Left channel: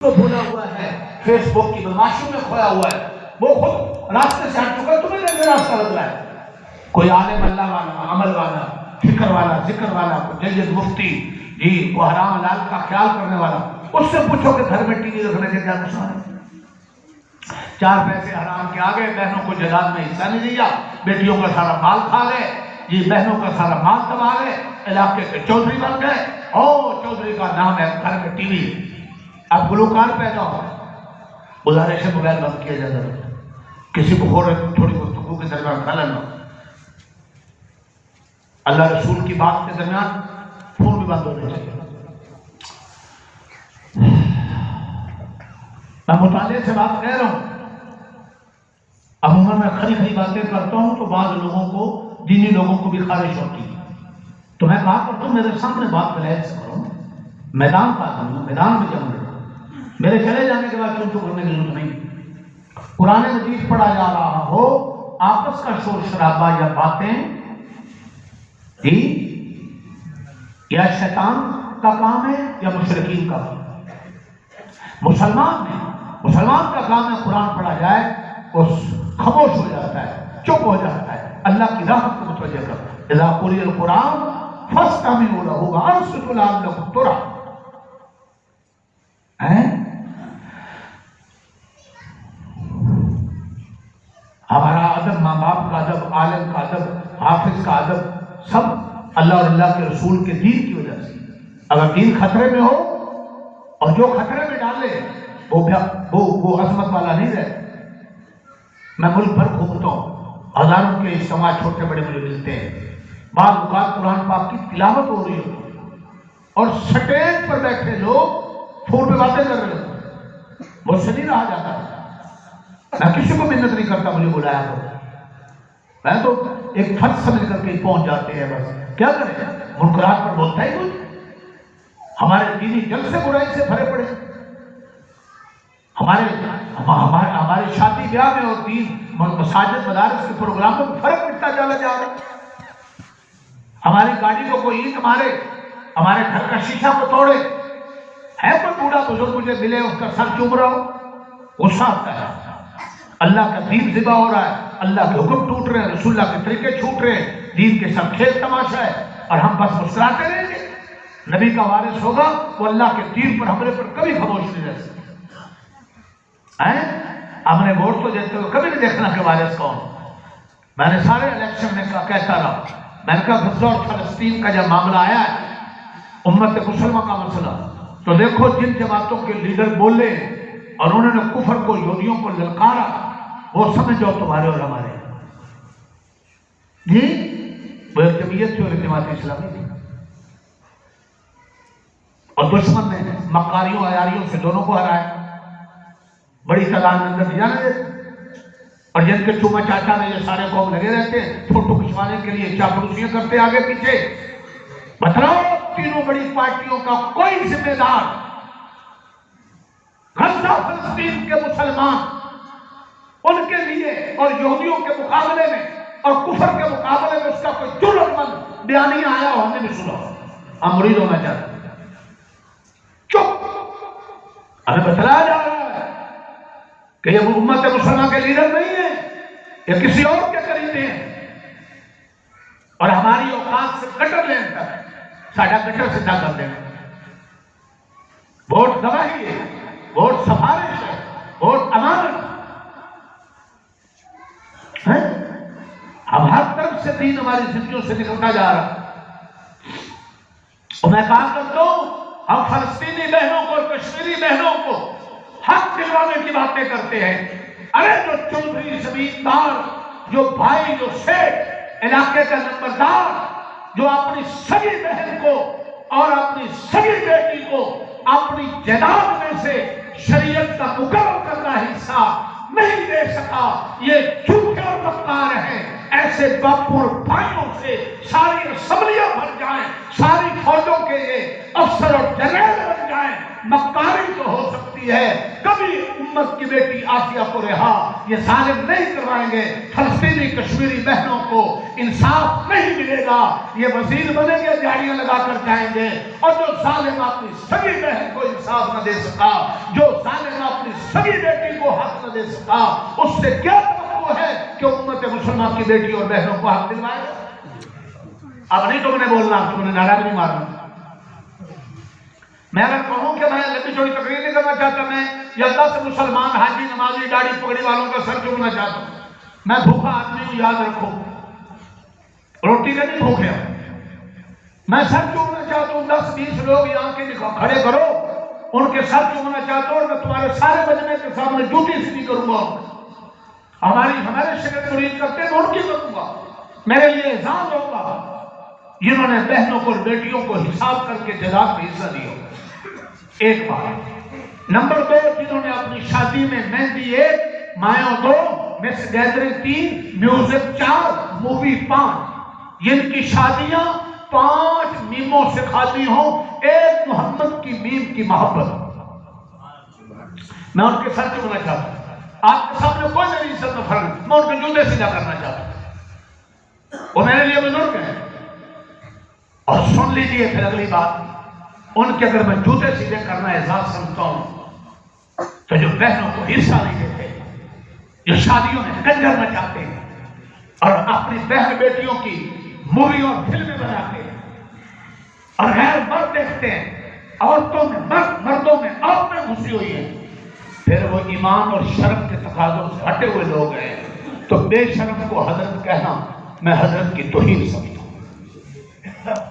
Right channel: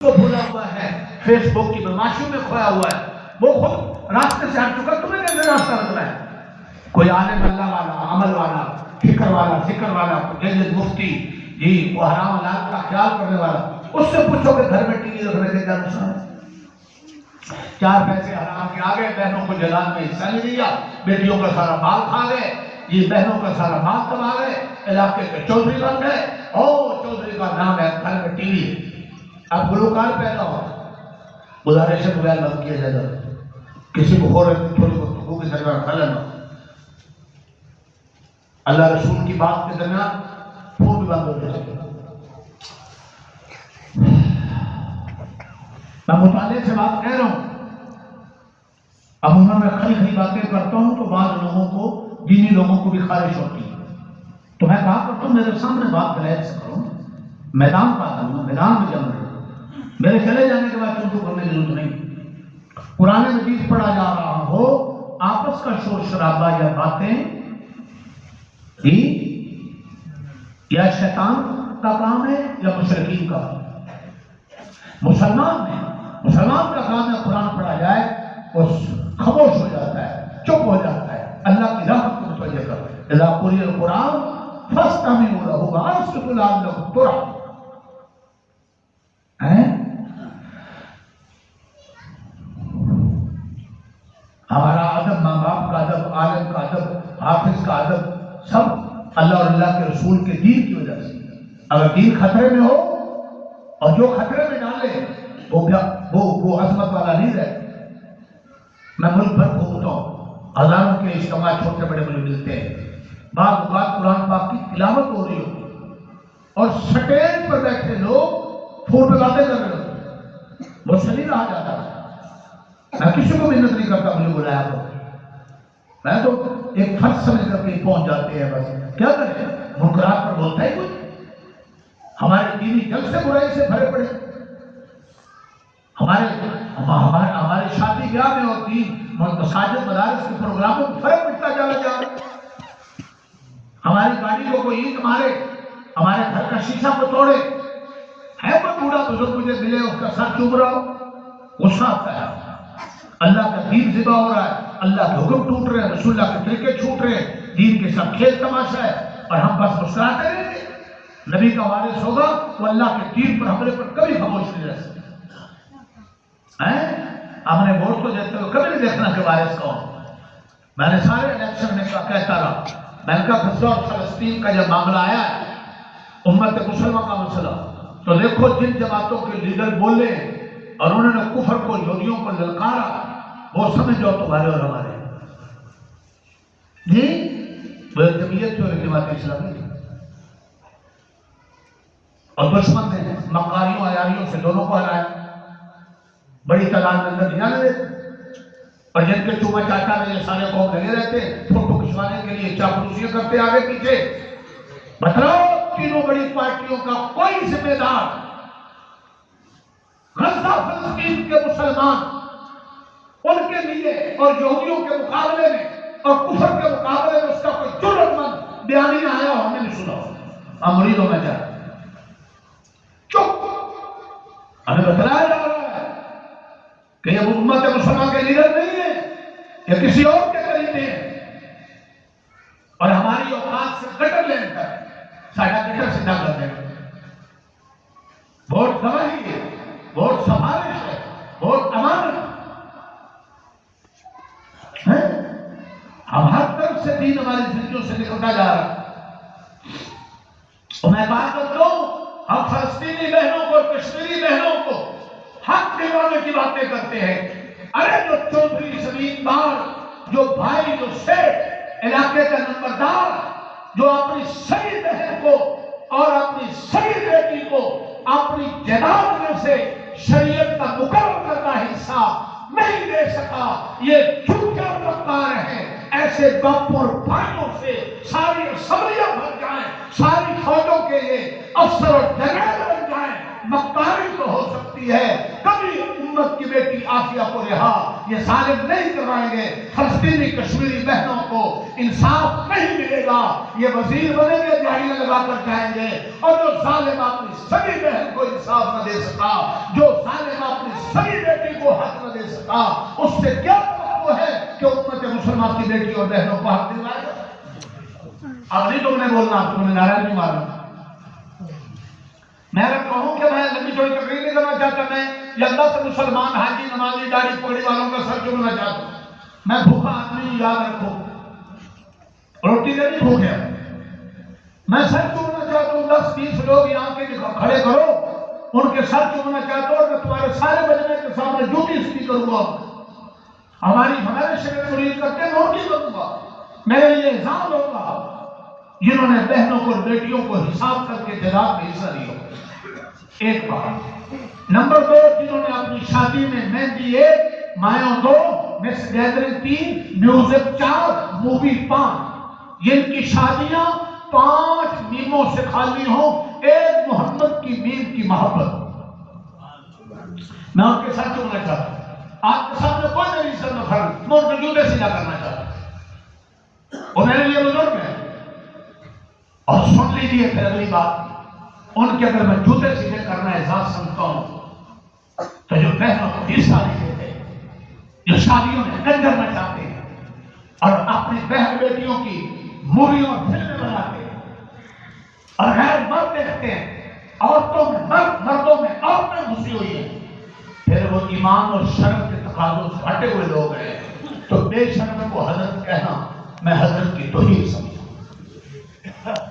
کو بھولا ہوا ہے، فیس بک کی بدماشیوں میں کھویا ہوا ہے، وہ خود راستے سے ہٹ چکا ہے، تمہیں کیسے راستہ بدلا ہے؟ کوئی عالم اللہ والا، عمل والا، فکر والا، ذکر والا، مجدد مفتی جی، وہ حرام حلال کا خیال کرنے والا، اس سے پوچھو کہ گھر میں ٹی وی دیکھنے کے کیا نقصان ہے؟ 4 پیسے حرام کے آ گئے، بہنوں کو جناب میں حصہ نہیں دیا، بیٹیوں کا سارا مال کھا گئے، یہ بہنوں کا سارا مال تباہ گئے، علاقے کے چودھری بن گئے، اور چودھری کا نام ہے، گھر میں ٹی وی ہے۔ اب گلوکار پیدا ہو، گزارش ہے موبائل بند کیا جائے، کسی کو ہو رہے تھوڑی گفتگو کے درمیان خلل نہ، اللہ رسول کی بات کے درمیان فون بھی بند ہونے چاہیے۔ میں مطالعے سے بات کہہ رہا ہوں، عموماً میں کھڑی کھڑی باتیں کرتا ہوں تو بعض لوگوں کو، دینی لوگوں کو بھی خارش ہوتی ہے، تو میں کہا کرتا ہوں میرے سامنے بات بحث کرو، میدان کا آدم ہوں، میدان میں جاؤں، میرے چلے جانے کے بعد تم کو کرنے کی ضرورت نہیں۔ قرآن مجید پڑھا جا رہا ہو، آپس کا شور شرابہ یا باتیں جی، یا شیطان کا کام ہے یا مشرکین کا کام ہے؟ مسلمان کا کام ہے قرآن پڑھا جائے، وہ خاموش ہو جاتا ہے، چپ ہو جاتا ہے، اللہ کی رحمت کو متوجہ کرتا ہے۔ اذا قرئ القرآن فاستمعوا له وانصتوا لعلكم ترحمون۔ ہمارا ادب، ماں باپ کا ادب، عالم کا ادب، حافظ کا ادب، سب اللہ اور اللہ کے رسول کے دین کی وجہ سے۔ اگر دین خطرے میں ہو اور جو خطرے میں ڈالے وہ عظمت والا نہیں رہے۔ میں ملک بھر گھومتا ہوں، ہزاروں کے اجتماع چھوٹے بڑے مجھے ملتے ہیں، بعض اوقات قرآن پاک کی تلاوت ہو رہی ہو اور سٹیج پر بیٹھے لوگ فون پہ باتیں کر رہے ہوتے، مجھ سے نہیں رہا جاتا، میں کسی کو محنت نہیں کرتا مجھے بلایا تو میں تو ایک فرض سمجھ کر کے پہنچ جاتے ہیں، بس کیا کریں، منکرات پر بولتا ہی کچھ، ہمارے دینی جل سے برائی سے بھرے پڑے، ہمارے شادی بیاہ میں اور دین مساجد مدارس کے پروگراموں میں فرق مٹتا جا رہا ہے۔ ہماری گاڑی کو کوئی اینٹ مارے، ہمارے گھر کا شیشہ کو توڑے، ہے کوئی بوڑھا بزرگ مجھے ملے اس کا سر چوم رہا ہو، غصہ آتا ہے۔ اللہ کا دین ذبح ہو رہا ہے، اللہ کے حکم ٹوٹ رہے ہیں، رسول اللہ کے طریقے چھوٹ رہے ہیں، دین کے سب کھیل تماشا ہے، اور ہم بس مسکراتے رہیں گے۔ نبی کا وارث ہوگا وہ اللہ کے دین پر حملے پر کبھی خاموش نہیں رہ سکتا۔ ہم نے ووٹ تو دیتے ہوئے کبھی نہیں دیکھنا کہ وارث کون۔ میں نے سارے الیکشن میں کہتا رہا، میں نے کہا غزہ اور فلسطین کا جب معاملہ آیا ہے، امت مسلمہ کا مسئلہ، تو دیکھو جن جماعتوں کے لیڈر بولے اور انہوں نے کفر کو، یہودیوں کو للکارا، وہ سمجھو تمہارے اور ہمارے جی، وہ جمعیت تھی اور جماعت اسلامی تھی، اور دشمن نے مکاریوں عیاریوں سے دونوں کو ہرایا، بڑی تعداد میں اندر جانے دیتے، اور جن کے چوما چاچا میں یہ سارے قوم لگے رہتے فوٹو کھنچوانے کے لیے، چاپلوسیاں کرتے آگے پیچھے۔ بتلاؤ تینوں بڑی پارٹیوں کا کوئی ذمہ دار غزہ فلسطین کے مسلمان ان کے لیے اور یہودیوں کے مقابلے میں اور کفر کے مقابلے میں اس کا کوئی جرأت مند بیانیہ آیا ہو، ہم نے بھی سنا ہو، ہم مرید ہونا چاہتے ہیں، چپ، ہمیں بتلایا جا رہا ہے کہ یہ امت مسلمہ کے لیڈر نہیں ہے، یہ کسی اور کے طریقے ہیں، اور ہماری اوقات سے گٹر لین کر ساڑھا گٹر سدھا کر دیں۔ ووٹ گواہی ہے، ووٹ سفارش ہے، ووٹ امانت ہے، ہم ہر طرف سے دین ہماری زندگیوں سے نکلتا جا رہا ہے۔ اور میں کہا کرتا ہوں، ہم فلسطینی بہنوں کو اور کشمیری بہنوں کو حق دلوانے کی باتیں کرتے ہیں، ارے جو چودھری زمیندار، جو بھائی، جو سیٹ، علاقے کا نمبردار، جو اپنی سگی بہن کو اور اپنی سگی بیٹی کو اپنی جائیداد میں سے شریعت کا مقرر کردہ حصہ نہیں دے سکا، یہ جھوٹے اور مکار ہیں۔ ایسے باپوں اور بھائیوں سے ساری اسمبلیاں بن جائیں، ساری فوجوں کے یہ افسر اور جنرل بن جائیں، مکاری تو ہو سکتی ہے، کبھی امت امت کی بیٹی آسیہ کو رہا، یہ ظالم نہیں کروائیں گے، فلسطینی کشمیری بہنوں کو انصاف نہیں ملے گا، یہ وزیر بنے گے دیہڑیاں لگا کر جائیں گے، اور جو ظالم اپنی سگی بہن کو انصاف نہ دے سکا، جو ظالم اپنی سگی بیٹی کو حق نہ دے سکا، اس سے کیا توقع ہے کہ امت مسلمہ کی بیٹی اور بہنوں کو حق دلوائے گا؟ اب نہیں تم نے بولنا، تم نے نعرہ نہیں مارنا۔ میں اگر کہوں کہ میں لمبی چوڑی تقریر نہیں کرنا چاہتا، میں یا 10 مسلمان حاجی نمازی داڑھی پگڑی والوں کا سر چومنا چاہتا ہوں، میں بھوکا آدمی ہوں، یاد رکھو، روٹی میں نہیں بھوکے ہوں، میں سر چومنا چاہتا ہوں۔ 10-20 لوگ یہاں کے کھڑے کرو، ان کے سر چومنا چاہتا ہوں، میں تمہارے سارے مجمع کے سامنے جوتی سیدھی کروں گا، ہمارے شرک مرید کرتے ہیں، ان کی کروں گا، میرے لیے اعزاز ہوگا جنہوں نے بہنوں کو اور بیٹیوں کو حساب کر کے جزا میں حصہ دیا، ایک بات۔ نمبر 2، جنہوں نے اپنی شادی میں مہندی 1، مایوں 2، مس گیدرنگ 3، میوزک 4، مووی 5، جن کی شادیاں 5 میموں سے خالی ہوں، ایک محمد کی میم کی محبت، میں ان کے ساتھ چکنا چاہتا ہوں۔ آپ کے سامنے کوئی میری عزت نہ فرق، میں ان کے جوتے سیدھا کرنا چاہتا ہوں، وہ میرے لیے بزرگ ہیں۔ اور سن لیجئے پھر اگلی بات، ان کے اگر میں جوتے سیدھے کرنا احساس سمجھتا ہوں تو جو بہنوں کو حصہ نہیں دیتے، جو شادیوں میں کنجرنا چاہتے ہیں اور اپنی بہن بیٹیوں کی مووی اور فلمیں بناتے ہیں اور غیر مرد دیکھتے ہیں، عورتوں میں مرد، مردوں میں عورتیں گھسی ہوئی ہیں، پھر وہ ایمان اور شرم کے تقاضوں سے ہٹے ہوئے لوگ ہیں، تو بے شرم کو حضرت کہنا میں حضرت کی توہین سمجھتا ہوں۔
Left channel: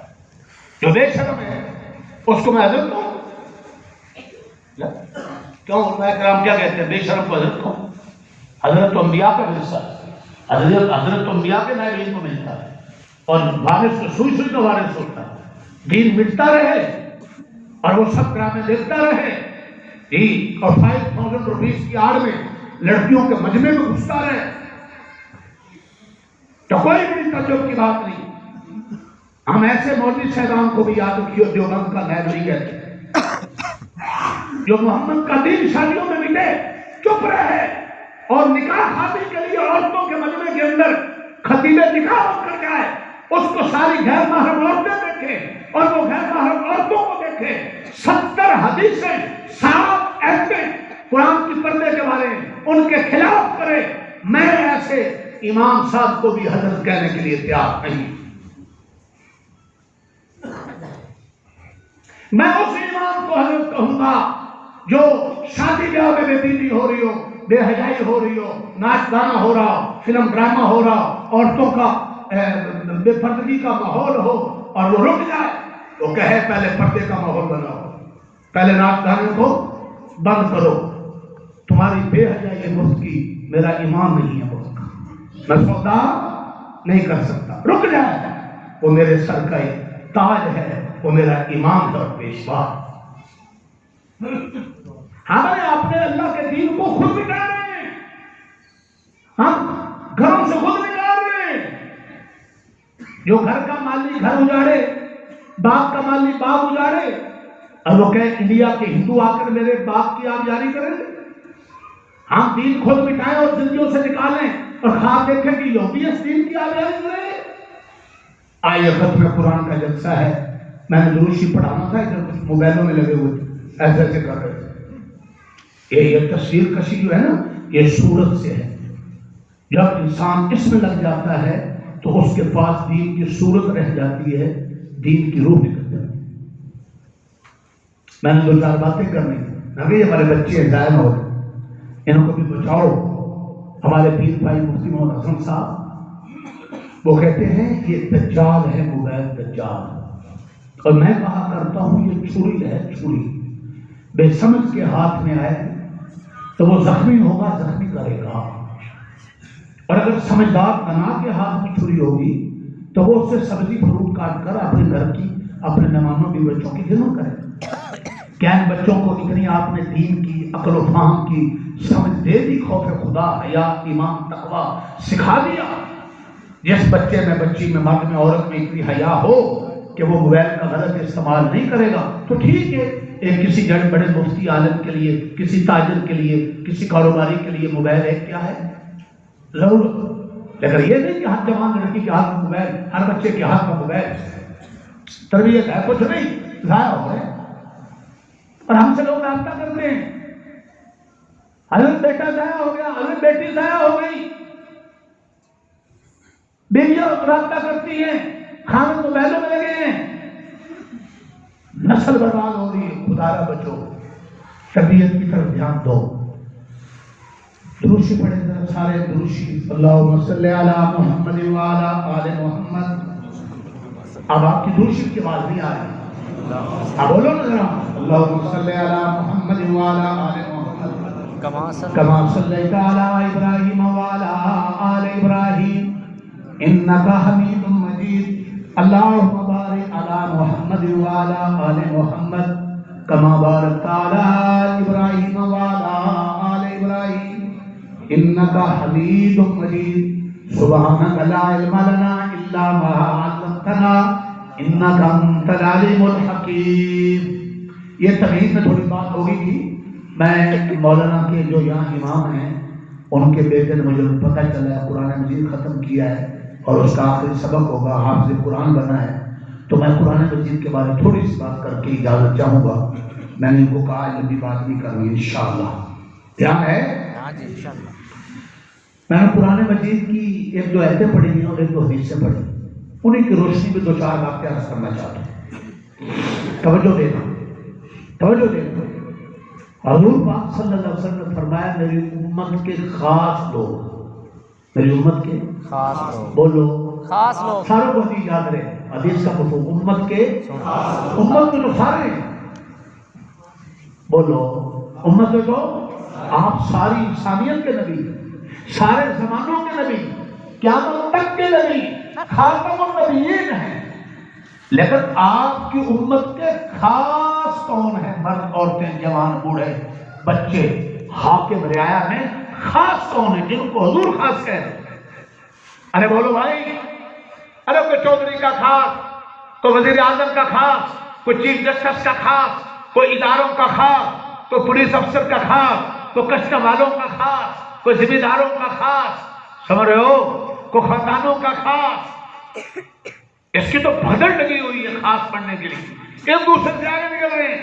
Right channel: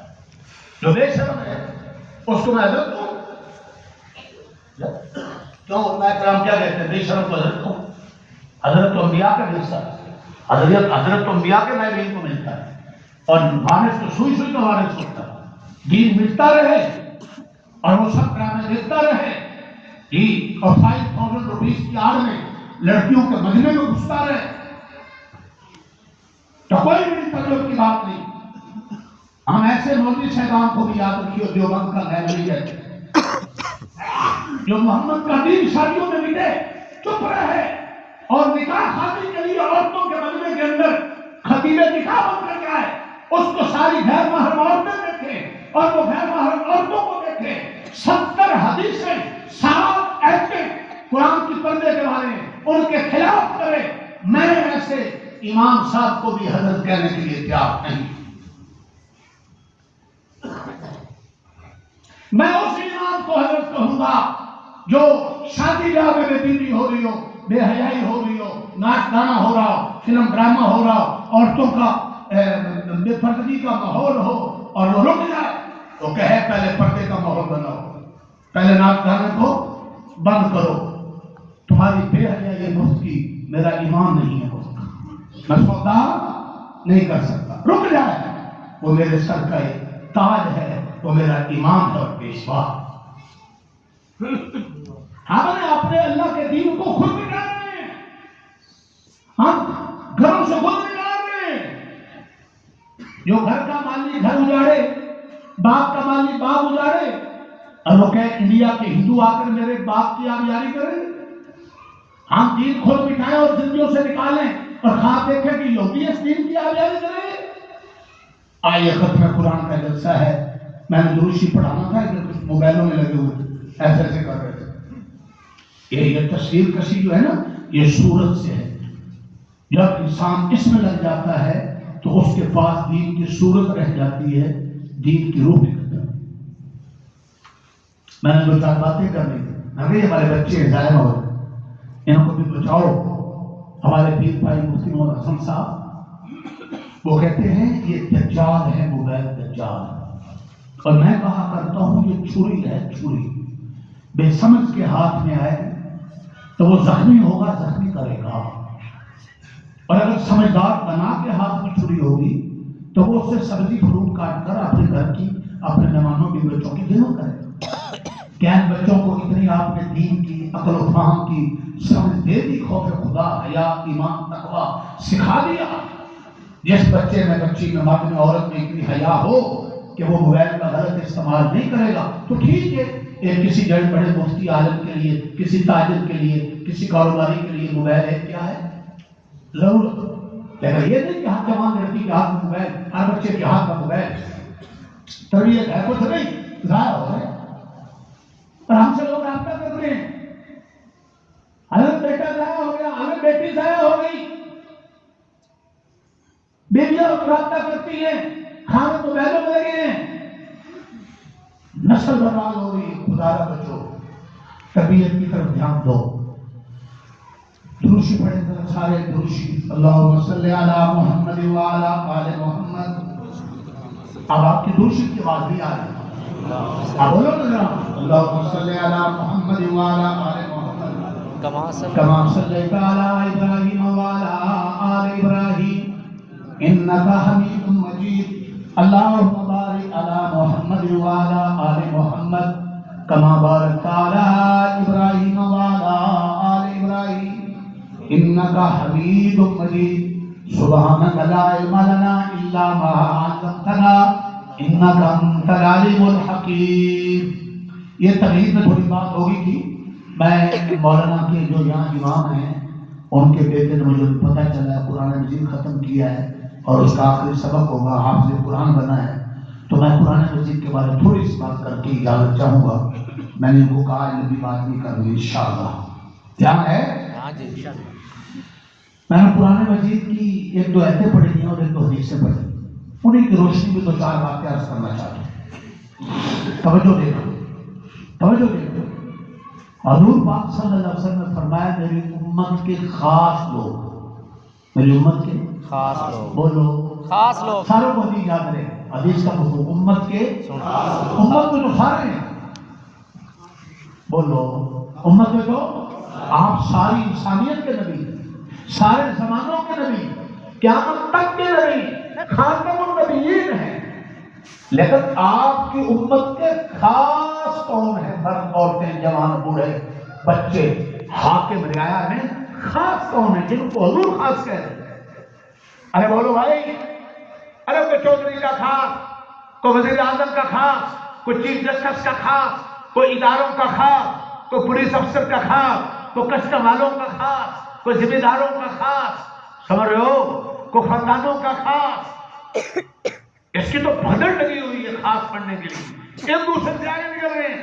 جو بے شرم ہے اس کو میں حضرت کہوں؟ کیوں علماء کرام کیا کہتے ہیں؟ بے شرم کو حضرت کہوں؟ حضرت تو انبیاء کا حصہ ہے، حضرت تو انبیاء کے نائبین کو ملتا ہے، اور وارث تو سوئی سوئی کا وارث ہوتا ہے، دین مٹتا رہے اور وہ سب ڈرامے دیکھتا رہے، اور 5,000 روپیز کی آڑ میں لڑکیوں کے مجمع میں گھستا رہے، تو کوئی بڑی تعجب کی بات نہیں۔ ہم ایسے مولوی صاحبان کو بھی یاد رکھیے جو رنگ کا غیر نہیں کہتے، جو محمد کا دین شادیوں میں ملے چپ رہے اور نکاح خاطر کے لیے عورتوں کے مجمع کے اندر خطیب نکاح بن کر جائے، اس کو ساری غیر محرم عورتیں دیکھیں اور وہ غیر محرم عورتوں کو دیکھیں، 70 حدیثیں 7 ایتیں قرآن کی پردے کے بارے میں ان کے خلاف کرے، میں ایسے امام صاحب کو بھی حضرت کہنے کے لیے تیار نہیں۔ میں اس امام کو حضرت کہوں گا جو شادی بیاہ میں بے دینی ہو رہی ہو، بے حیائی ہو رہی ہو، ناچ گانا ہو رہا ہو، فلم ڈرامہ ہو رہا ہو، عورتوں کا بے پردگی کا ماحول ہو، اور وہ رک جائے تو کہے پہلے پردے کا ماحول بناؤ، پہلے ناچ گانے کو بند کرو، تمہاری بے حیائی مفت کی میرا ایمان نہیں ہے، میں سودا نہیں کر سکتا، رک جائے، وہ میرے سر کا تاج ہے، وہ میرا ایمان اور پیشوا۔ ہمیں اپنے اللہ کے دین کو خود مٹا رہے ہیں، ہم گھروں سے خود مٹا رہے ہیں۔ جو گھر کا مالی گھر اجاڑے، باغ کا مالی باغ اجاڑے، اور وہ کہے انڈیا کے ہندو آ کر میرے باغ کی آبیاری کریں، ہم دین خود مٹائیں اور زندگیوں سے نکالیں اور خواب دیکھیں کہ یہودی اس دین کی آبیاری کریں۔ آئیے ختم قرآن کا جلسہ ہے، میں نے دروشی پڑھانا تھا، ادھر کچھ موبائلوں میں لگے ہوئے تھے، ایسے ایسے کر رہے تھے۔ یہ تصویر کشی جو ہے نا، یہ صورت سے ہے، جب انسان اس میں لگ جاتا ہے تو اس کے پاس دین کی صورت رہ جاتی ہے، دین کی روح نکل جاتی ہے۔ میں نے 2-4 باتیں کرنی تھی، ہمارے بچے ضائع ہو رہے، ان کو بھی بچاؤ۔ ہمارے پیر بھائی مفتی محمد حسن صاحب وہ کہتے ہیں یہ دجال ہے، موبائل دجال، اور میں کہا کرتا ہوں یہ چھری ہے، چھری بے سمجھ کے ہاتھ میں آئے تو وہ زخمی ہوگا، زخمی کرے گا، اور اگر سمجھدار بنا کے ہاتھ میں چھری ہوگی تو وہ اسے سبزی فروٹ کاٹ کر اپنے گھر کی، اپنے مہمانوں کی، بچوں کی خدمت کرے۔ کیا ان بچوں کو اتنی آپ نے دین کی عقل و فہم کی سمجھ دے دی، خوف خدا، حیا، ایمان، تقویٰ سکھا دیا؟ جس بچے میں، بچی میں، مرد میں، عورت میں اتنی حیا ہو کہ وہ موبائل کا غلط استعمال نہیں کرے گا تو ٹھیک ہے، ایک کسی بڑے مفتی عالم کے لیے، کسی تاجر کے لیے، کسی کاروباری کے لیے موبائل ہے کیا ہے؟ ضرورت. لیکن یہ نہیں کہ ہر جوان لڑکی کے ہاتھ میں موبائل، ہر بچے کے ہاتھ میں موبائل. تربیت ہے کچھ نہیں، ضائع ہو رہے ہیں. اور ہم سے لوگ رابطہ کرتے ہیں، حضرت بیٹا ضائع ہو گیا، حضرت بیٹی ضائع ہو گئی، بیویاں رابطہ کرتی ہیں، کھانے موبائلوں میں لگے ہیں، نسل برباد ہو رہی ہے. خدا را بچو، تربیت کی طرف دھیان دو. دروشی پڑھیں ذرا سارے دروشی. اللہم صلی علی محمد وعلی آل محمد. اب آپ کی دروشی کی آواز نہیں آ رہی، اب بولو نا ذرا. اللہم صلی علی محمد وعلی آل محمد کما صلیت علی ابراہیم وعلی آل ابراہیم انکا حمید مجید. اللہم بارک علی محمد وعلی آل محمد کما بارکت علی ابراہیم وعلی آل ابراہیم انکا حمید مجید. سبحانک لا علم لنا الا ما علمتنا انکا انت العلیم الحکیم. یہ تقریر میں تھوڑی بات ہوگی تھی. میں مولانا کے جو یہاں امام ہیں ان کے بیٹے نے مجھے پتہ چلا ہے قرآن مجید ختم کیا ہے اور اس کا آخری سبق ہوگا، حافظ قرآن بنا ہے. تو میں قرآن مجید کے بارے تھوڑی سی بات کر کے اجازت چاہوں گا. میں نے ان کو کہا لمبی بات نہیں کرنی انشاءاللہ. کیا ہے؟ میں نے قرآن مجید کی ایک دو آیتیں پڑھی ہیں اور ایک دو حدیثیں پڑھی. انہیں کی روشنی میں دو چار واقعہ عرض کرنا چاہتا ہوں. توجہ دینا، توجہ دینا. حضور پاک صلی اللہ علیہ وسلم نے فرمایا میری امت کے خاص لوگ، میری امت کے خاص لوگ، بولو خاص لوگ، ساروں کو حدیث یاد رہے. حدیث کا مفہوم امت کے، امت میں جو سارے ہیں، بولو امت میں جو آپ ساری انسانیت کے نبی، سارے زمانوں کے نبی، قیامت تک کے نبی، خاتم النبیین ہیں. لیکن آپ کی امت کے خاص کون ہیں؟ مرد، عورتیں، جوان، بوڑھے، بچے، حاکم، رعایا میں خاص کون ہیں جن کو حضور خاص کہتے ہیں؟ ارے بولو بھائی. ارے کوئی چودھری کا خاص، کوئی وزیر اعظم کا خاص، کوئی چیف جسٹس کا خاص، کوئی اداروں کا خاص، کوئی پولیس افسر کا خاص، کوئی کسٹم والوں کا خاص، کوئی ذمہ داروں کا خاص، سمجھ رہے ہو، کوئی خاندانوں کا خاص. اس کی تو بھدر لگی ہوئی ہے خاص پڑھنے کے لیے. ایک دوسرے سے آگے نکل رہے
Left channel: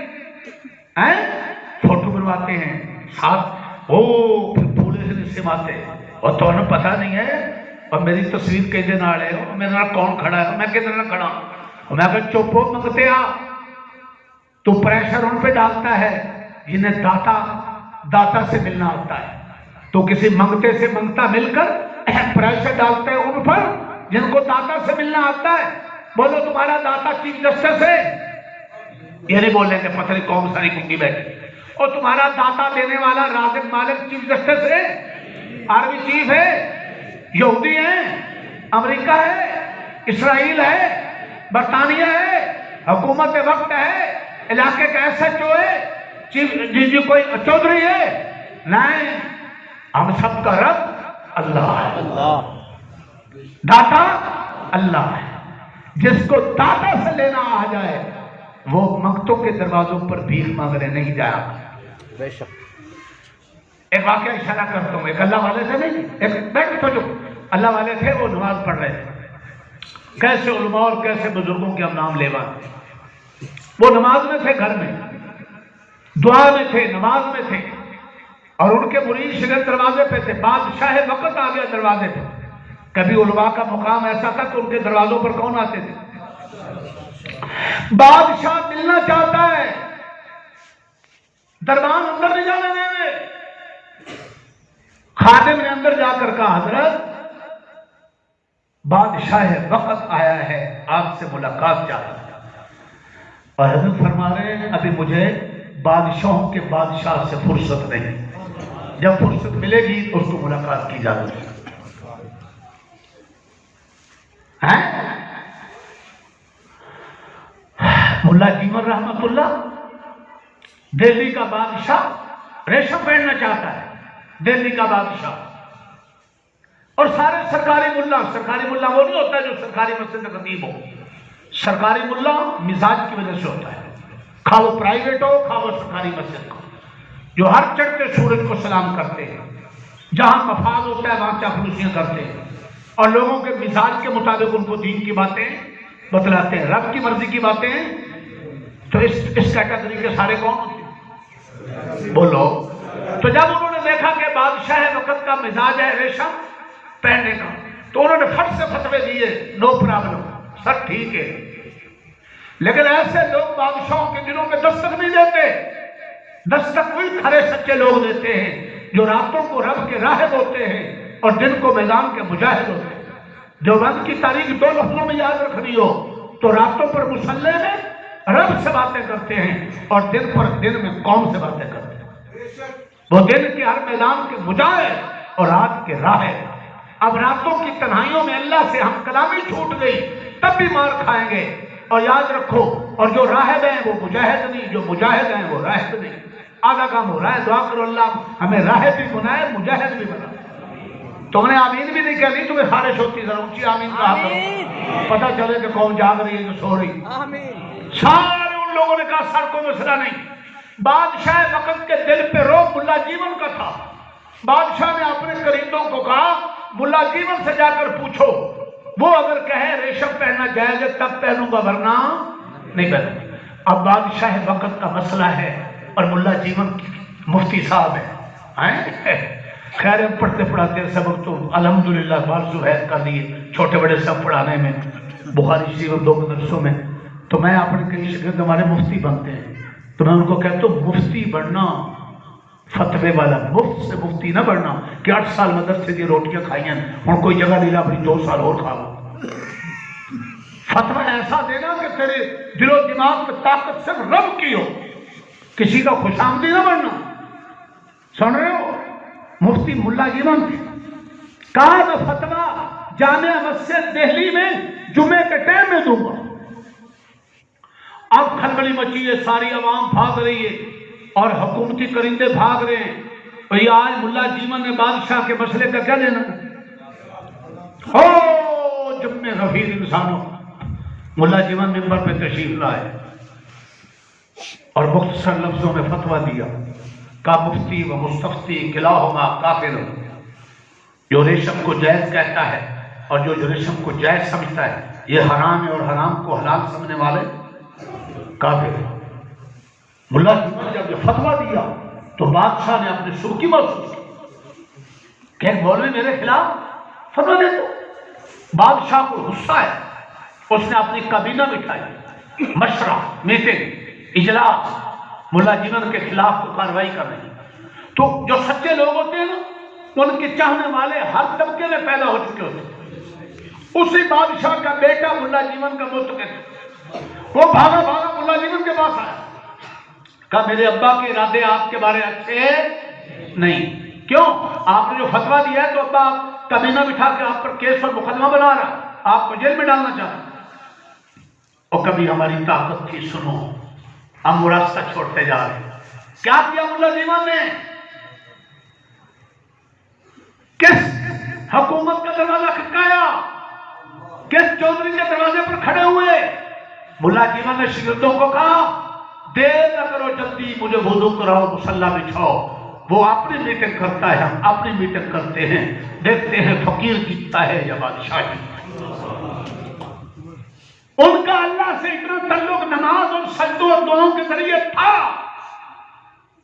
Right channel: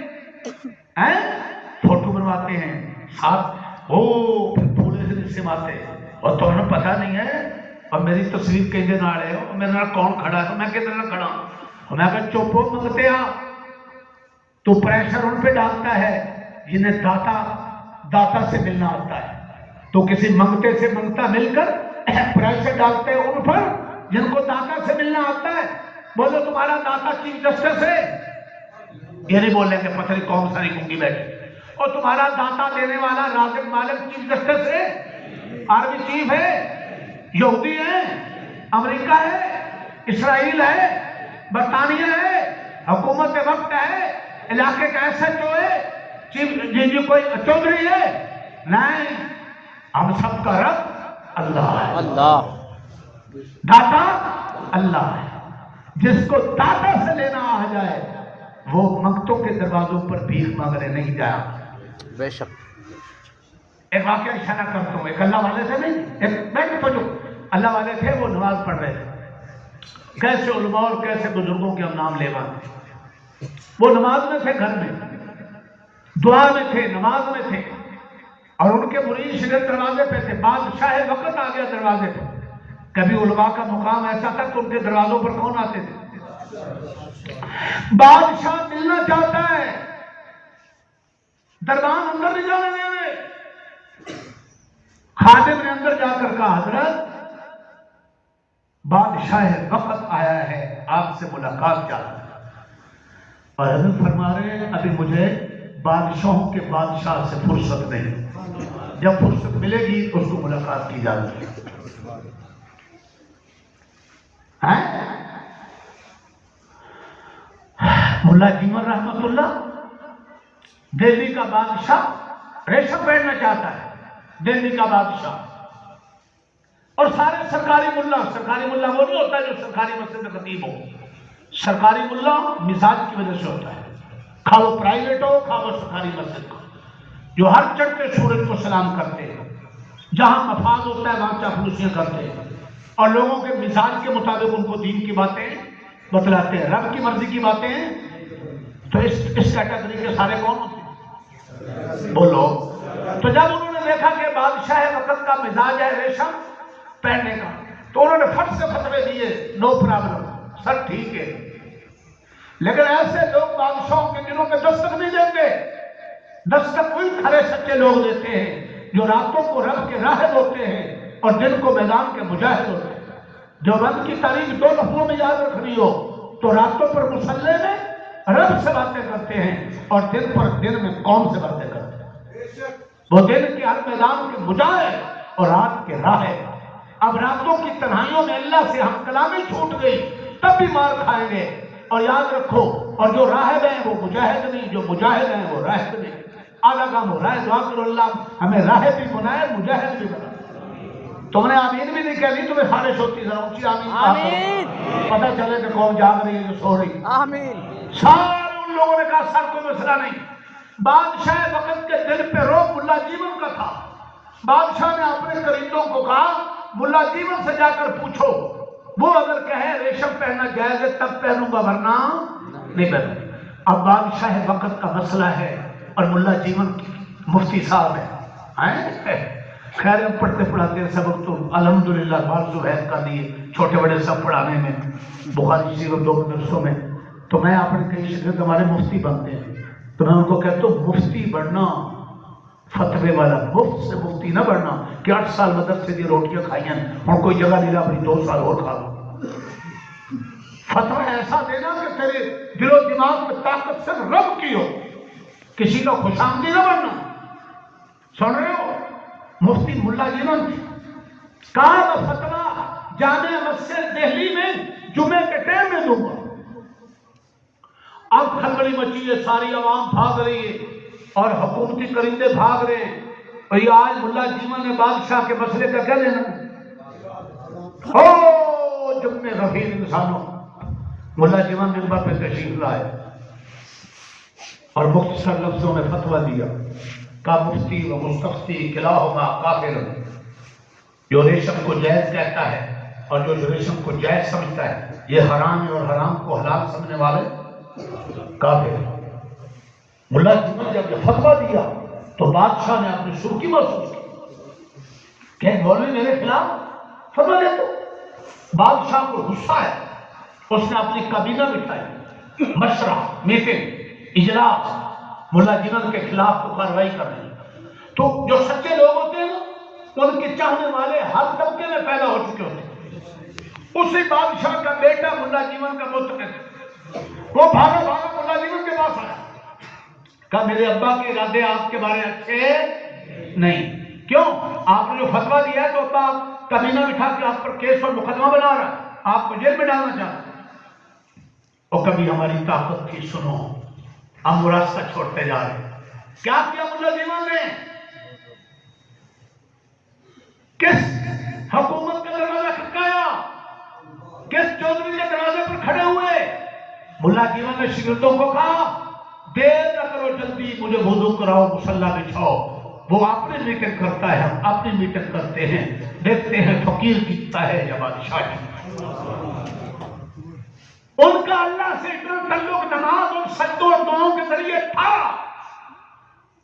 ہیں، فوٹو بنواتے ہیں ساتھ، وہ پھولے سے سماتے ہیں اور تو انہیں پتہ نہیں ہے. اور میری تصویر کے دن آ رہے ہو، میرا کون کھڑا ہے؟ میں کدھر نہ کھڑا ہوں. میں کہ چوپو منگتے آ. تو پریشر ان پہ ڈالتا ہے جنہیں داتا سے ملنا ہوتا ہے. تو کسی منگتے سے منگتا مل کر پریشر ڈالتے ہیں ان پر جن کو داتا سے ملنا آتا ہے. بولو تمہارا داتا چیف جسٹس ہے؟ یہ نہیں بولنے کے پتہ نہیں کون ساری کنگی بیٹھے. اور تمہارا داتا دینے والا رازق مالک چیف جسٹس ہے، آرمی چیف ہے، یہودی ہے، امریکہ ہے، اسرائیل ہے، برطانیہ ہے، حکومت وقت ہے، علاقے کا ایس ایچ او ہے، چیف کوئی چودھری ہے؟ نہیں، ہم سب کا رب اللہ ہے. اللہ داتا اللہ ہے. جس کو داتا سے لینا آ جائے وہ منگتوں کے دروازوں پر بھیک مانگنے نہیں جایا. بے شک. ایک واقعہ اشارہ کرتا ہوں. ایک اللہ والے تھے، نہیں ایک بیٹھ تو جو اللہ والے تھے وہ نماز پڑھ رہے تھے. کیسے علماء اور کیسے بزرگوں کے ہم نام لیوا. وہ نماز میں تھے، گھر میں دعا میں تھے، نماز میں تھے، اور ان کے مرید شگرد دروازے پہ تھے. بادشاہ وقت آ گیا دروازے پہ. کبھی علماء کا مقام ایسا تھا کہ ان کے دروازوں پر کون آتے تھے؟ بادشاہ ملنا چاہتا ہے، دربان اندر نہیں جانے دیں گے. خادم نے اندر جا کر کہا حضرت بادشاہ وقت آیا ہے، آپ سے ملاقات چاہتا ہے. اور حضرت فرما رہے ہیں ابھی مجھے بادشاہوں کے بادشاہ سے فرصت نہیں، جب فرصت ملے گی اس کو ملاقات کی جاتی ہے. ملا جیون رحمت اللہ دہلی کا بادشاہ ریشم پہننا چاہتا ہے، دہلی کا بادشاہ. اور سارے سرکاری ملا وہ نہیں ہوتا جو سرکاری مسجد میں خطیب ہو. سرکاری ملا مزاج کی وجہ سے ہوتا ہے. خواہ وہ پرائیویٹ ہو خواہ وہ سرکاری مسجد ہو، جو ہر چڑھتے سورج کو سلام کرتے ہیں، جہاں مفاد ہوتا ہے وہاں چاپلوسیاں کرتے ہیں، اور لوگوں کے مزاج کے مطابق ان کو دین کی باتیں بتلاتے ہیں، رب کی مرضی کی باتیں. تو اس کیٹیگری کے سارے کون؟ بولو. تو جب انہوں نے دیکھا کہ بادشاہ وقت کا مزاج ہے ریشم پہننے کا، تو انہوں نے فٹ سے فتوے دیے، نو پرابلم، سب ٹھیک ہے. لیکن ایسے لوگ بادشاہوں کے دلوں میں دستک نہیں دیتے. دستک کوئی کھڑے سچے لوگ دیتے ہیں جو راتوں کو رب کے راہب ہوتے ہیں اور دن کو میدان کے مجاہد ہوتے ہیں. جو رب کی تاریخ دو لفظوں میں یاد رکھنی ہو تو راتوں پر مصلے میں رب سے باتیں کرتے ہیں اور دن پر دن میں قوم سے باتیں کرتے ہیں. وہ دن کے ہر میدان کے مجاہد اور رات کے راہب. اب راتوں کی تنہائیوں میں اللہ سے ہم کلامی چھوٹ گئی تب بھی مار کھائیں گے. اور یاد رکھو، اور جو راہب ہیں وہ مجاہد نہیں، جو مجاہد ہیں وہ راہب نہیں. آدھا کام ہو رہا ہے. دعا کرو اللہ ہمیں راہب بھی بنائے مجاہد بھی بنائے. تم نے آمین بھی نہیں کہی، تمہیں خارش ہوتی، ذرا اونچی آمین کہا کرو، پتہ چلے کہ قوم جاگ رہی ہے تو سو رہی. آمین. سارے ان لوگوں نے کہا سر کوئی مسئلہ نہیں. بادشاہ وقت کے دل پہ روب ملا جیون کا تھا. بادشاہ نے اپنے قریبوں کو کہا ملا جیون سے جا کر پوچھو، وہ اگر کہے ریشم پہننا جائز ہے تب پہنوں گا ورنہ نہیں پہنوں. اب بادشاہ وقت کا مسئلہ ہے اور ملا جیون مفتی صاحب ہے. خیر پڑھتے پڑھاتے سبق تو الحمدللہ بارزو ہے کر دیے، چھوٹے بڑے سب پڑھانے میں، بخاری شریف اور 2 مدرسوں میں. تو میں اپنے کئی شاگرد ہمارے مفتی بنتے ہیں تو میں ان کو کہتا ہوں مفتی بننا فتوے والا، مفت سے مفتی نہ بننا کہ 8 سال مدرسے کی روٹیاں کھائی ہیں اور کوئی جگہ نہیں رہا 2 سال اور کھا لو. فتوہ ایسا دینا کہ تیرے دل و دماغ میں طاقت صرف رب کی ہو، کسی کا خوش آمدی نہ بننا. سن رہے ہو؟ مفتی ملا جیون کہا میں فتوہ جامع مسجد دہلی میں جمعے کے ٹائم میں دوں گا. اب کھلبلی مچی ہے، ساری عوام بھاگ رہی ہے اور حکومتی کرندے بھاگ رہے ہیں. بھئی آج ملا جیون نے بادشاہ کے مسئلے کا کیا دینا؟ او جمع غفیر انسانوں، ملا جیون منبر پہ تشریف لائے اور مختصر لفظوں میں فتویٰ دیا. کا مفتی و مستفتی کلاہما کافر. جو ریشم کو جائز کہتا ہے اور جو ریشم کو جائز سمجھتا ہے یہ حرام ہے اور حرام کو حلال سمجھنے والے کافر. ملا جیون جب یہ فتویٰ دیا تو بادشاہ نے اپنی سرخی محسوس کی کہ مولوی میرے خلاف فتویٰ دے دو. بادشاہ کو غصہ ہے، اس نے اپنی کابینہ بٹھائی، مشورہ، میٹنگ، اجلاس، ملا جیون کے خلاف کو کارروائی کر رہے ہیں. تو جو سچے لوگ ہوتے ہیں ان کے چاہنے والے ہر طبقے میں پیدا ہو چکے ہوتے ہیں. اسی بادشاہ کا بیٹا ملا جیون کا منتقل، وہ بھاگا بھاگا ملا جیون کے پاس آیا، کہا میرے ابا کے ارادے آپ کے بارے اچھے نہیں. کیوں؟ آپ نے جو فتویٰ دیا ہے تو ابا کابینہ بٹھا کے آپ پر کیس اور مقدمہ بنا رہا، آپ کو جیل میں ڈالنا چاہتا. اور کبھی ہماری طاقت کی سنو، ہم وہ راستہ چھوڑتے جا رہے ہیں. کیا کیا ملا جیون نے؟ کس حکومت کا دروازہ کھٹکایا؟ کس چودھری کے دروازے پر کھڑے ہوئے؟ ملا جیون نے شاگردوں کو کہا دیر نہ کرو، جلدی مجھے وضو کراؤ، مصلی بچھاؤ. وہ اپنی میٹنگ کرتا ہے، ہم اپنی میٹنگ کرتے ہیں، دیکھتے ہیں فقیر جیتتا ہے یا بادشاہ جیتتا ہے. ان کا اللہ سے اتنا تعلق نماز اور سجدوں اور دعاؤں کے ذریعے تھا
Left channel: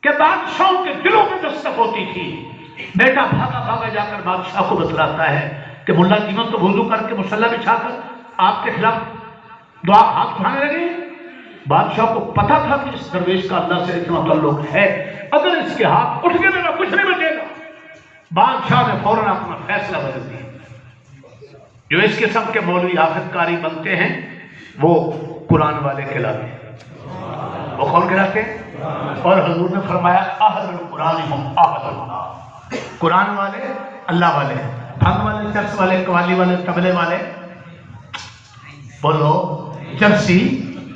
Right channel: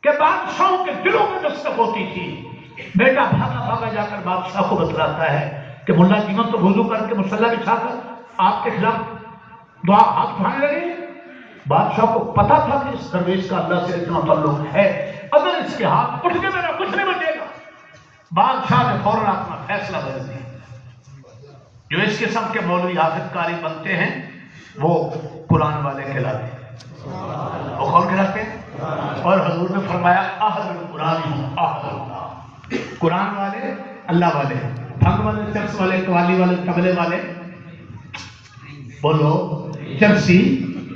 کہ بادشاہوں کے دلوں میں دستک ہوتی تھی. بیٹا بھاگا بھاگا جا کر بادشاہ کو بتلاتا ہے کہ ملا جیون تو وضو کر کے مصلی بچھا کر آپ کے خلاف دعا ہاتھ اٹھانے لگے. بادشاہ کو پتا تھا کہ اس درویش کا اللہ سے اتنا تعلق ہے، اگر اس کے ہاتھ اٹھ کے میرا کچھ نہیں بچے گا. بادشاہ نے فوراً اپنا فیصلہ بدل دیا. جو اس قسم کے مولوی حافظ قاری بنتے ہیں وہ قرآن والے کہلاتے ہیں. وہ کون کہلاتے ہیں؟ اور حضور نے فرمایا اہل القرآن ہم اہل اللہ. قرآن والے اللہ والے، بھنگ والے، چرس والے، قوالی والے، طبلے والے، بولو چرسی،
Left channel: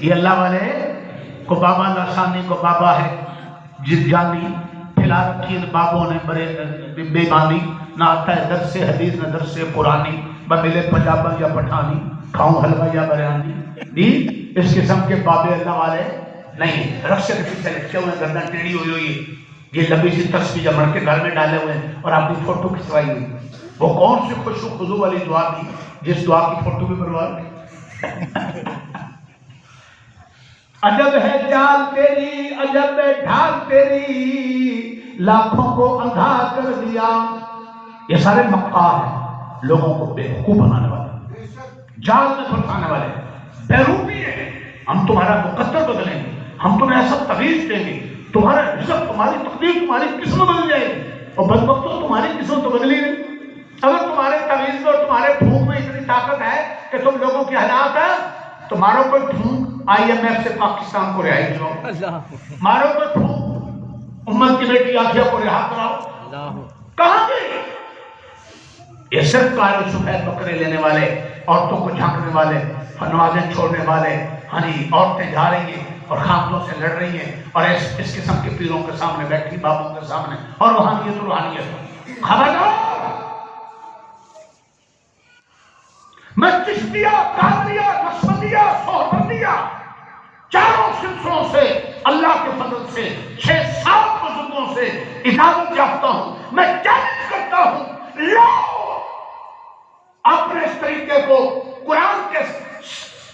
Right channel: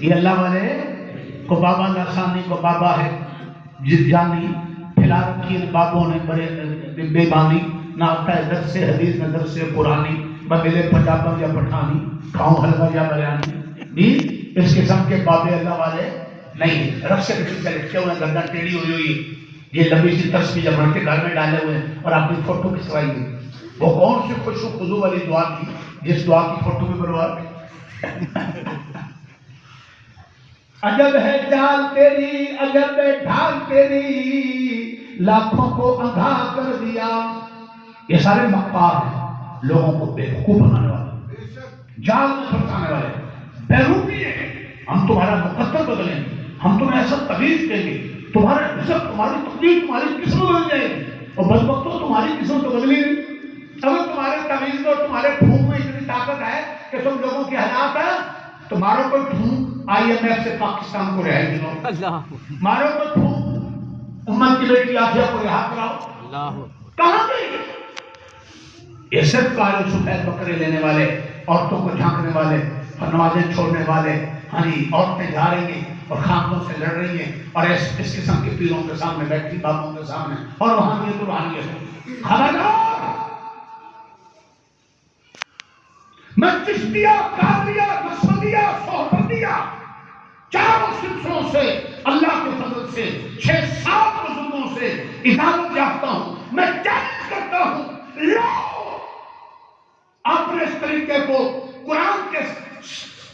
یہ اللہ والے کو بابا لاسانی کو بابا ہے جانی پھیلا رکھی ان بابوں نے بڑے بے بانی نہ آتا ہے درس حدیث نہ درس قرآنی، بملے پنجابن یا پٹھانی، کھاؤں حلوہ یا بریانی. اس قسم کے بابے اللہ والے نہیں رقصے کے پیچھے لٹکے ہوئے گردن ٹیڑھی ہوئی ہوئی یہ لمبی سی تسبیح جب رکھ کے گھر میں ڈالے ہوئے اور اپنی فوٹو کھنچوائی ہوئی. وہ کون سی خوش و خضوع والی دعا تھی جس دعا کی فوٹو بھی برباد کی؟ عجب ہے چال تیری عجب ہے ڈھال تیری لاکھوں کو اندھا کر دیا. یہ سارے مکار ہیں لوگوں کو بیوقوف بنانے والے, جال میں پھنسانے والے, بیروپی ہیں. ہم تمہارا مقدر بدلیں گے, ہم تمہیں ایسا تعویذ دیں گے, تمہارا رزق تمہاری تقدیر تمہاری قسمت بدل جائے گی. اور بدبختوں تمہاری قسمت تو بدلی نہیں. اگر تمہارے تعویذ میں اور تمہارے پھونک میں اتنی طاقت ہے کہ تم لوگوں کی حالات ہے تو مارو کوئی پھونک آئی ایم ایف سے پاکستان کو رہائی دلاؤ, مارو کوئی پھونک امت کی بیٹی آفیہ کو رہا کراؤ. کہاں گئی؟ یہ صرف کالے سفید بکرے لینے والے, عورتوں کو جھانکنے والے, نمازیں چھوڑنے والے, ہاں جی عورتیں جا رہی ہیں اور خامدوں سے لڑ رہی ہیں اور اس قسم کے پیروں کے سامنے بیٹھی بابوں کے سامنے اور روحانیت. خبردار, میں چشتیہ, قادریہ, نقشبندیہ, صحبتیہ چاروں سلسلوں سے اللہ کے فضل سے 6-7 بزرگوں سے اجازت یافتہ ہوں. میں چیلنج کرتا ہوں, لاؤ اپنے اس طریقے کو قرآن کے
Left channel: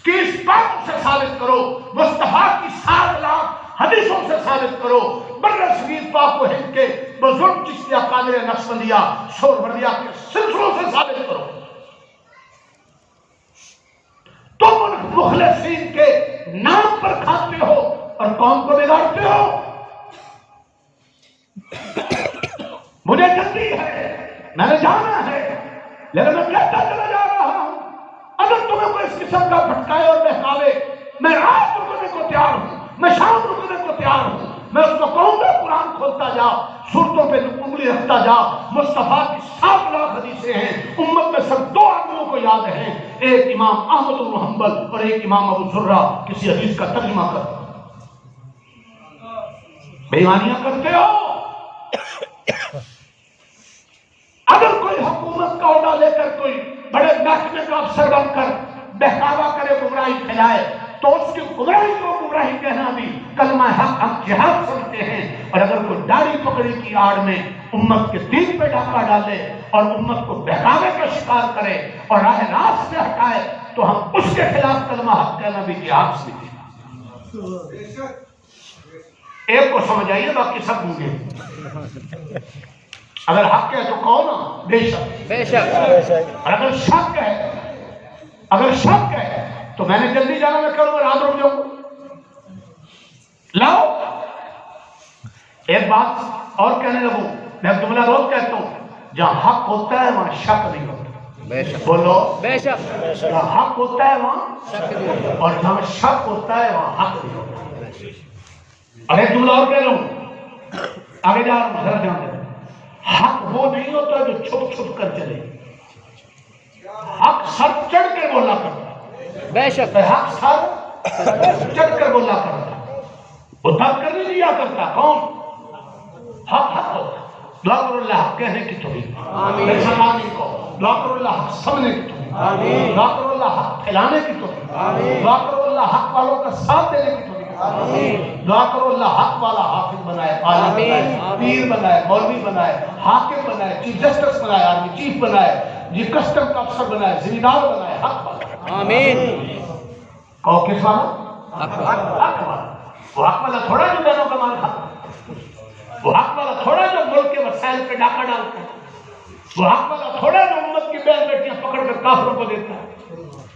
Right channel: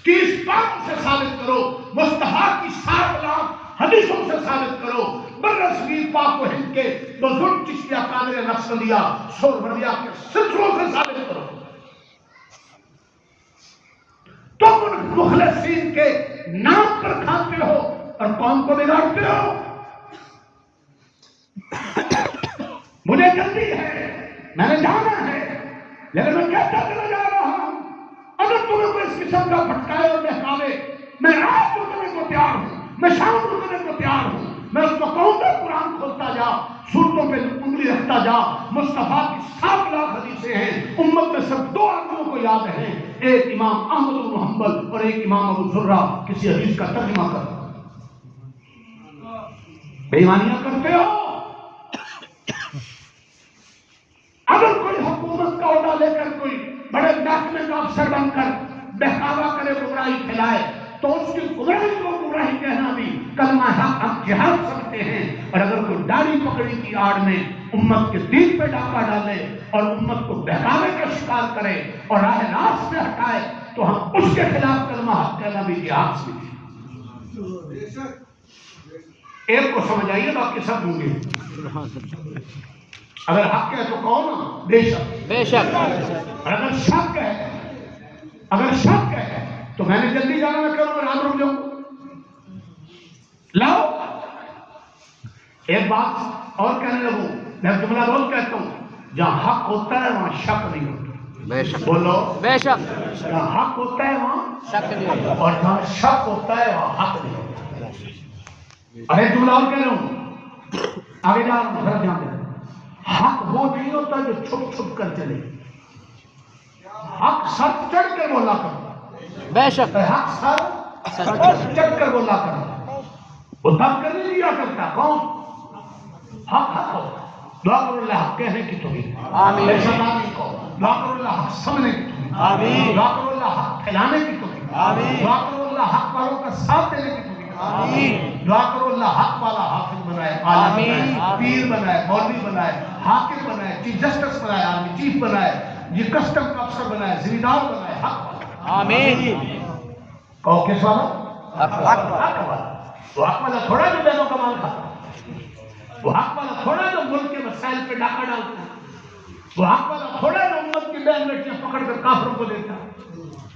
30 باتوں سے ثابت کرو, مصطفیٰ کی 7 لاکھ حدیثوں سے ثابت کرو, برصغیر پاک و ہند کے بزرگ چشتیہ, قادریہ, نقشبندیہ, سہروردیہ کے سلسلوں سے ثابت کرو. تم ان مخلصین کے نام پر کھاتے ہو اور قوم کو بگاڑتے ہو. مجھے جلدی ہے, میں نے جانا ہے, لیکن میں کہتا چلا جا رہا ہوں اگر تمہیں کوئی اس قسم کا بھٹکائے اور بہکاوے, میں رات رکنے کو تیار ہوں, میں شام رکنے کو تیار ہوں. میں اس کو کہوں گا قرآن کھولتا جا, صورتوں پہ انگلی رکھتا جا. مصطفیٰ کی 7 لاکھ حدیثیں ہیں, امت میں صرف 2 آدمیوں کو یاد ہیں, ایک امام احمد بن حنبل اور ایک امام ابو زرہ. کسی حدیث کا ترجمہ کر. بےایمانیاں کرتے ہو. اگر کوئی حکومت کا عہدہ لے کر کوئی بڑے محکمے کا افسر بن کر بہکاوا کرے, گمراہی پھیلائے, تو اس کی گمراہی کو گمراہی کہنا بھی کلمہ حق ہم جہاد سمجھتے ہیں. اور اگر کوئی داڑھی پکڑی کی آڑ میں امت کے دین پہ ڈاکہ ڈالے اور امت کو بہکاوے کا شکار کرے اور راہ راست سے ہٹائے تو ہم اس کے خلاف کلمہ حق کہنا بھی جہاد سمجھتے ہیں. ایک کو سمجھ آئیے, باقی سب ہوں گے. اگر حق ہے تو کون؟ بے شک, بے شک. اگر شک ہے تو میں نے جلدی جانا, میں کروں گا رات رک جاؤں. لاؤ ایک بات اور کہنے لگوں, میں جملہ بہت کہتا ہوں, جہاں حق ہوتا ہے وہاں شک نہیں ہوتا. بے شک, بولو بے شک. جہاں حق ہوتا ہے وہاں شک نہیں ہوتا, اور جہاں شک ہوتا ہے وہاں حق نہیں ہوتا. اور ایک جملہ اور کہہ رہا ہوں, آگے جا رہا ہوں, ذرا دھیان دیں. حق وہ نہیں ہوتا جو چھپ چھپ کر چلے, حق سر چڑھ کر بولا کرتا. بے شک. حق سر چڑھ کر بولا کرتا, وہ دب کر نہیں دیا کرتا. کون؟ حق حق ہوتا. دعا کرو اللہ حق کہنے کی توفیق, آمین. دعا کرو اللہ حق سمجھنے کی توفیق, آمین. دعا کرو اللہ حق پھیلانے کی توفیق, آمین. دعا کرو اللہ حق والوں کا ساتھ دینے کی توفیق, آمین. دعا کرو اللہ حق والا حافظ بنائے, عالم بنائے, پیر بنائے, مولوی بنائے, حاکم بنائے, چیف جسٹس بنائے, آرمی چیف بنائے, جی کسٹم کا افسر بنائے, زمیندار بنائے. حق والا. آمین. کہو کس والا؟ حق حق والا. وہ حق والا تھوڑا جو بینوں کا مال کھاتا, وہ حق والا تھوڑا جو ملک کے مسائل پہ ڈاکہ ڈالتا ہے, وہ حق والا تھوڑا جو امت کی بہن بیٹیاں پکڑ کر کافروں کو دیتا ہے,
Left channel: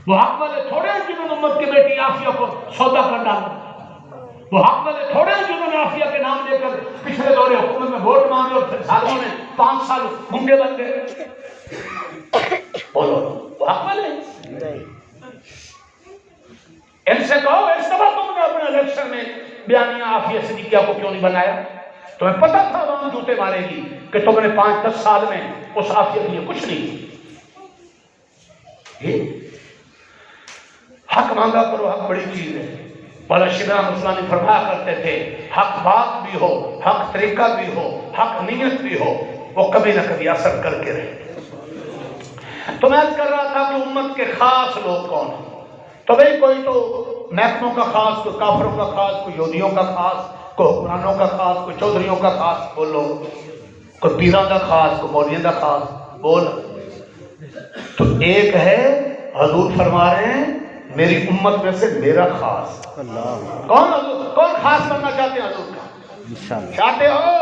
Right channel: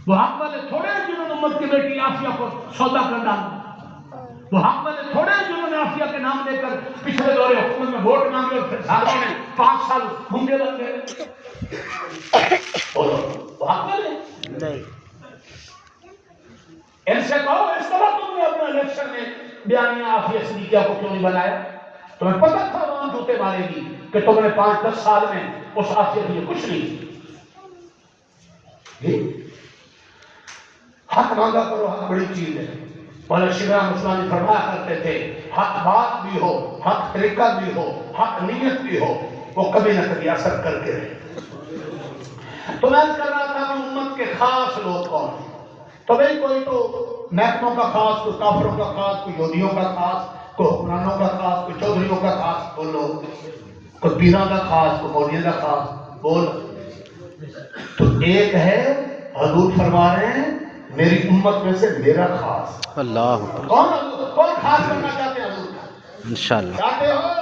وہ حق والے تھوڑے جنہوں نے امت کی بیٹی آفیہ کو سودا کر ڈالا, وہ حق والے تھوڑے جنہوں نے آفیہ کے نام لے کر پچھلے دورے حکومت میں ووٹ مانگے اور پھر سالوں میں 5 سال گنڈے بن گئے. وہ حق والے. ان سے کہو اس طرح تم نے اپنے الیکشن میں بیانیہ آفیہ صدیقیہ کو کیوں نہیں بنایا؟ تمہیں پتہ تھا عوام جوتے مارے گی کہ تم نے 5-10 سال میں اس آفیہ کے لیے کچھ نہیں. حق مانگا کرو, حق بڑی چیز ہے. مولانا شیخ مسلمانی فرمایا کرتے تھے, حق بات بھی ہو, حق طریقہ بھی ہو, حق نیت بھی ہو, وہ کبھی نہ کبھی اثر کر کے رہے. تو میں کر رہا تھا کہ امت کے خاص لوگ کون ہیں. تو بھئی کوئی تو نیکنوں کا خاص، کوئی کافروں کا خاص، کوئی یہودیوں کا خاص، کوئی حکمرانوں کا خاص، کوئی چودھریوں کا خاص، بولو، کوئی پیروں کا خاص، کوئی مولویوں کا خاص، بول۔ تو ایک ہے حضور فرما رہے ہیں میری امت میں سے میرا خاص۔ اللہ کون حضور، کون خاص بننا چاہتے ہیں حضور کا؟ انشاءاللہ چاہتے ہو؟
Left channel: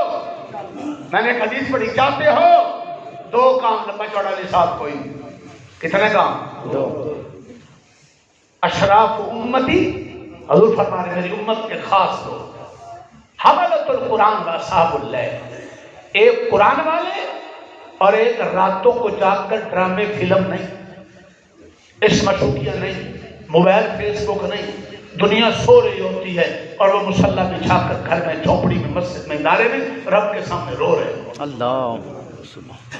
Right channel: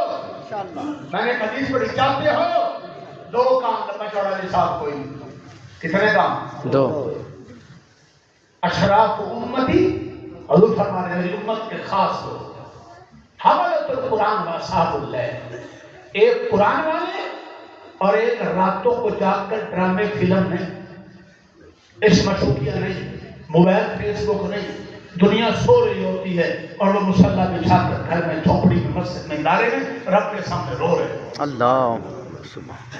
میں نے ایک حدیث پڑھی، چاہتے ہو؟ دو کام لمبا چوڑا نصاب کوئی نہیں۔ کتنے کام؟ دو۔ اشراف امتی، حضور فرما رہے ہیں میری امت کے خاص لوگ، حملۃ القرآن و اصحاب اللیل، ایک قرآن والے اور ایک راتوں کو جاگ کر ڈرامے فلم نہیں، اس مشوقیہ نہیں، موبائل فیس بک نہیں، دنیا سو رہی ہوتی ہے اور وہ مصلی بچھا کر گھر میں جھونپڑی میں مسجد میں نعرے میں رب کے سامنے رو رہے ہیں۔ اللہ سبحان۔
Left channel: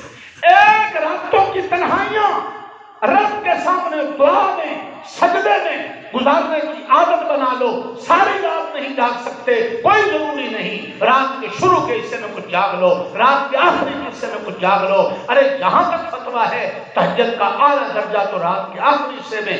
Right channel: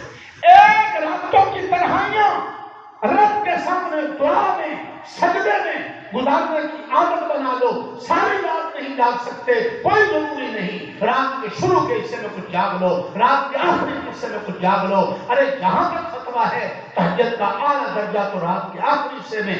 ایک راتوں کی تنہائیاں رب کے سامنے دعا میں سجدے میں گزارنے کی عادت بنا لو۔ ساری رات نہیں جاگ سکتے، کوئی ضروری نہیں، رات کے شروع کے حصے میں کچھ جاگ لو، رات کے آخری حصے میں کچھ جاگ لو۔ ارے جہاں تک فتویٰ ہے تہجد کا اعلیٰ درجہ تو رات کے آخری حصے میں،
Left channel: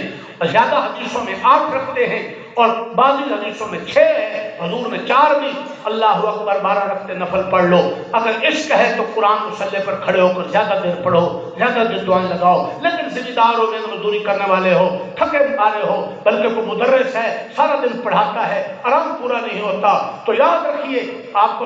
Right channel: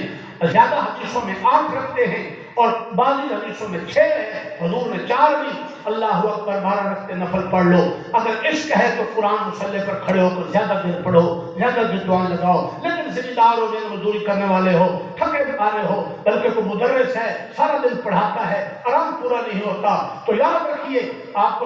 زیادہ حدیثوں میں 8 رکھتے ہیں اور بعض حدیثوں میں 6 ہے، حضور نے 4 بھی۔ اللہ اکبر 12 رکھتے نفل پڑھ لو۔ اگر عشق ہے تو قرآن مصلی پر کھڑے ہو کر زیادہ دیر پڑھو، زیادہ دیر دعائیں لگاؤ، لیکن ذمہ دار ہو، محنت مزدوری کرنے والے ہو، تھکے مارے ہو، بلکہ کوئی مدرس ہے سارا دن پڑھاتا ہے، آرام پورا نہیں ہوتا، تو یاد رکھیے آپ کو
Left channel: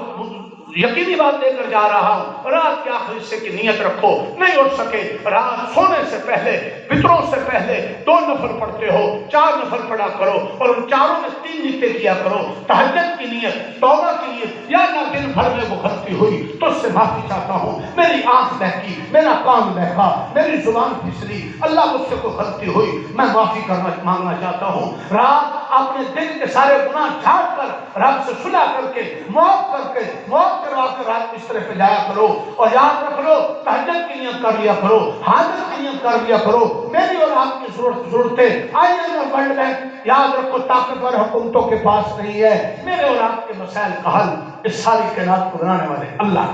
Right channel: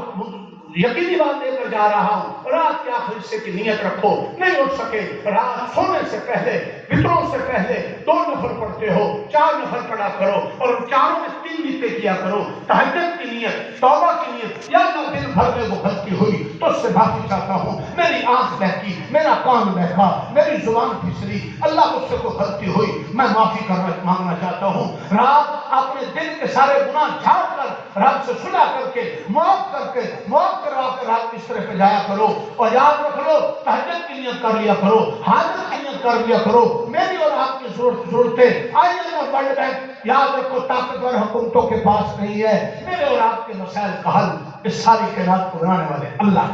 یقینی بات دے کر جا رہا ہوں، رات کے آخری حصے کی نیت رکھو۔ نہیں اٹھ سکے رات سونے سے پہلے، فطروں سے پہلے 2 نفل پڑھتے ہو، 4 نفل پڑھا کرو اور ان چاروں میں 3 نیتیں کیا کرو۔ تہجد کی نیت، توبہ کی نیت، یا اللہ دن بھر میں وہ غلطی ہوئی تو اس سے معافی چاہتا ہوں، میری آنکھ بہکی، میرا کان بہکا، میری زبان پھسلی، اللہ مجھ سے کوئی غلطی ہوئی میں معافی مانگنا چاہتا ہوں۔ رات اپنے دل کے سارے گناہ جھاڑ کر رب سے صلح کر کے معاف کروا کر رات بستر پہ جایا کرو، اور یاد رکھ لو تہجد کی نیت کر لیا کرو، حاجت کی نیت کر لیا کرو۔ میری اور آپ کی ضرورتیں IMF اور ورلڈ بینک یاد رکھو طاقتور حکومتوں کے پاس نہیں ہے، میرے اور آپ کے مسائل کا حل اس ساری کائنات کو بنانے والے اللہ۔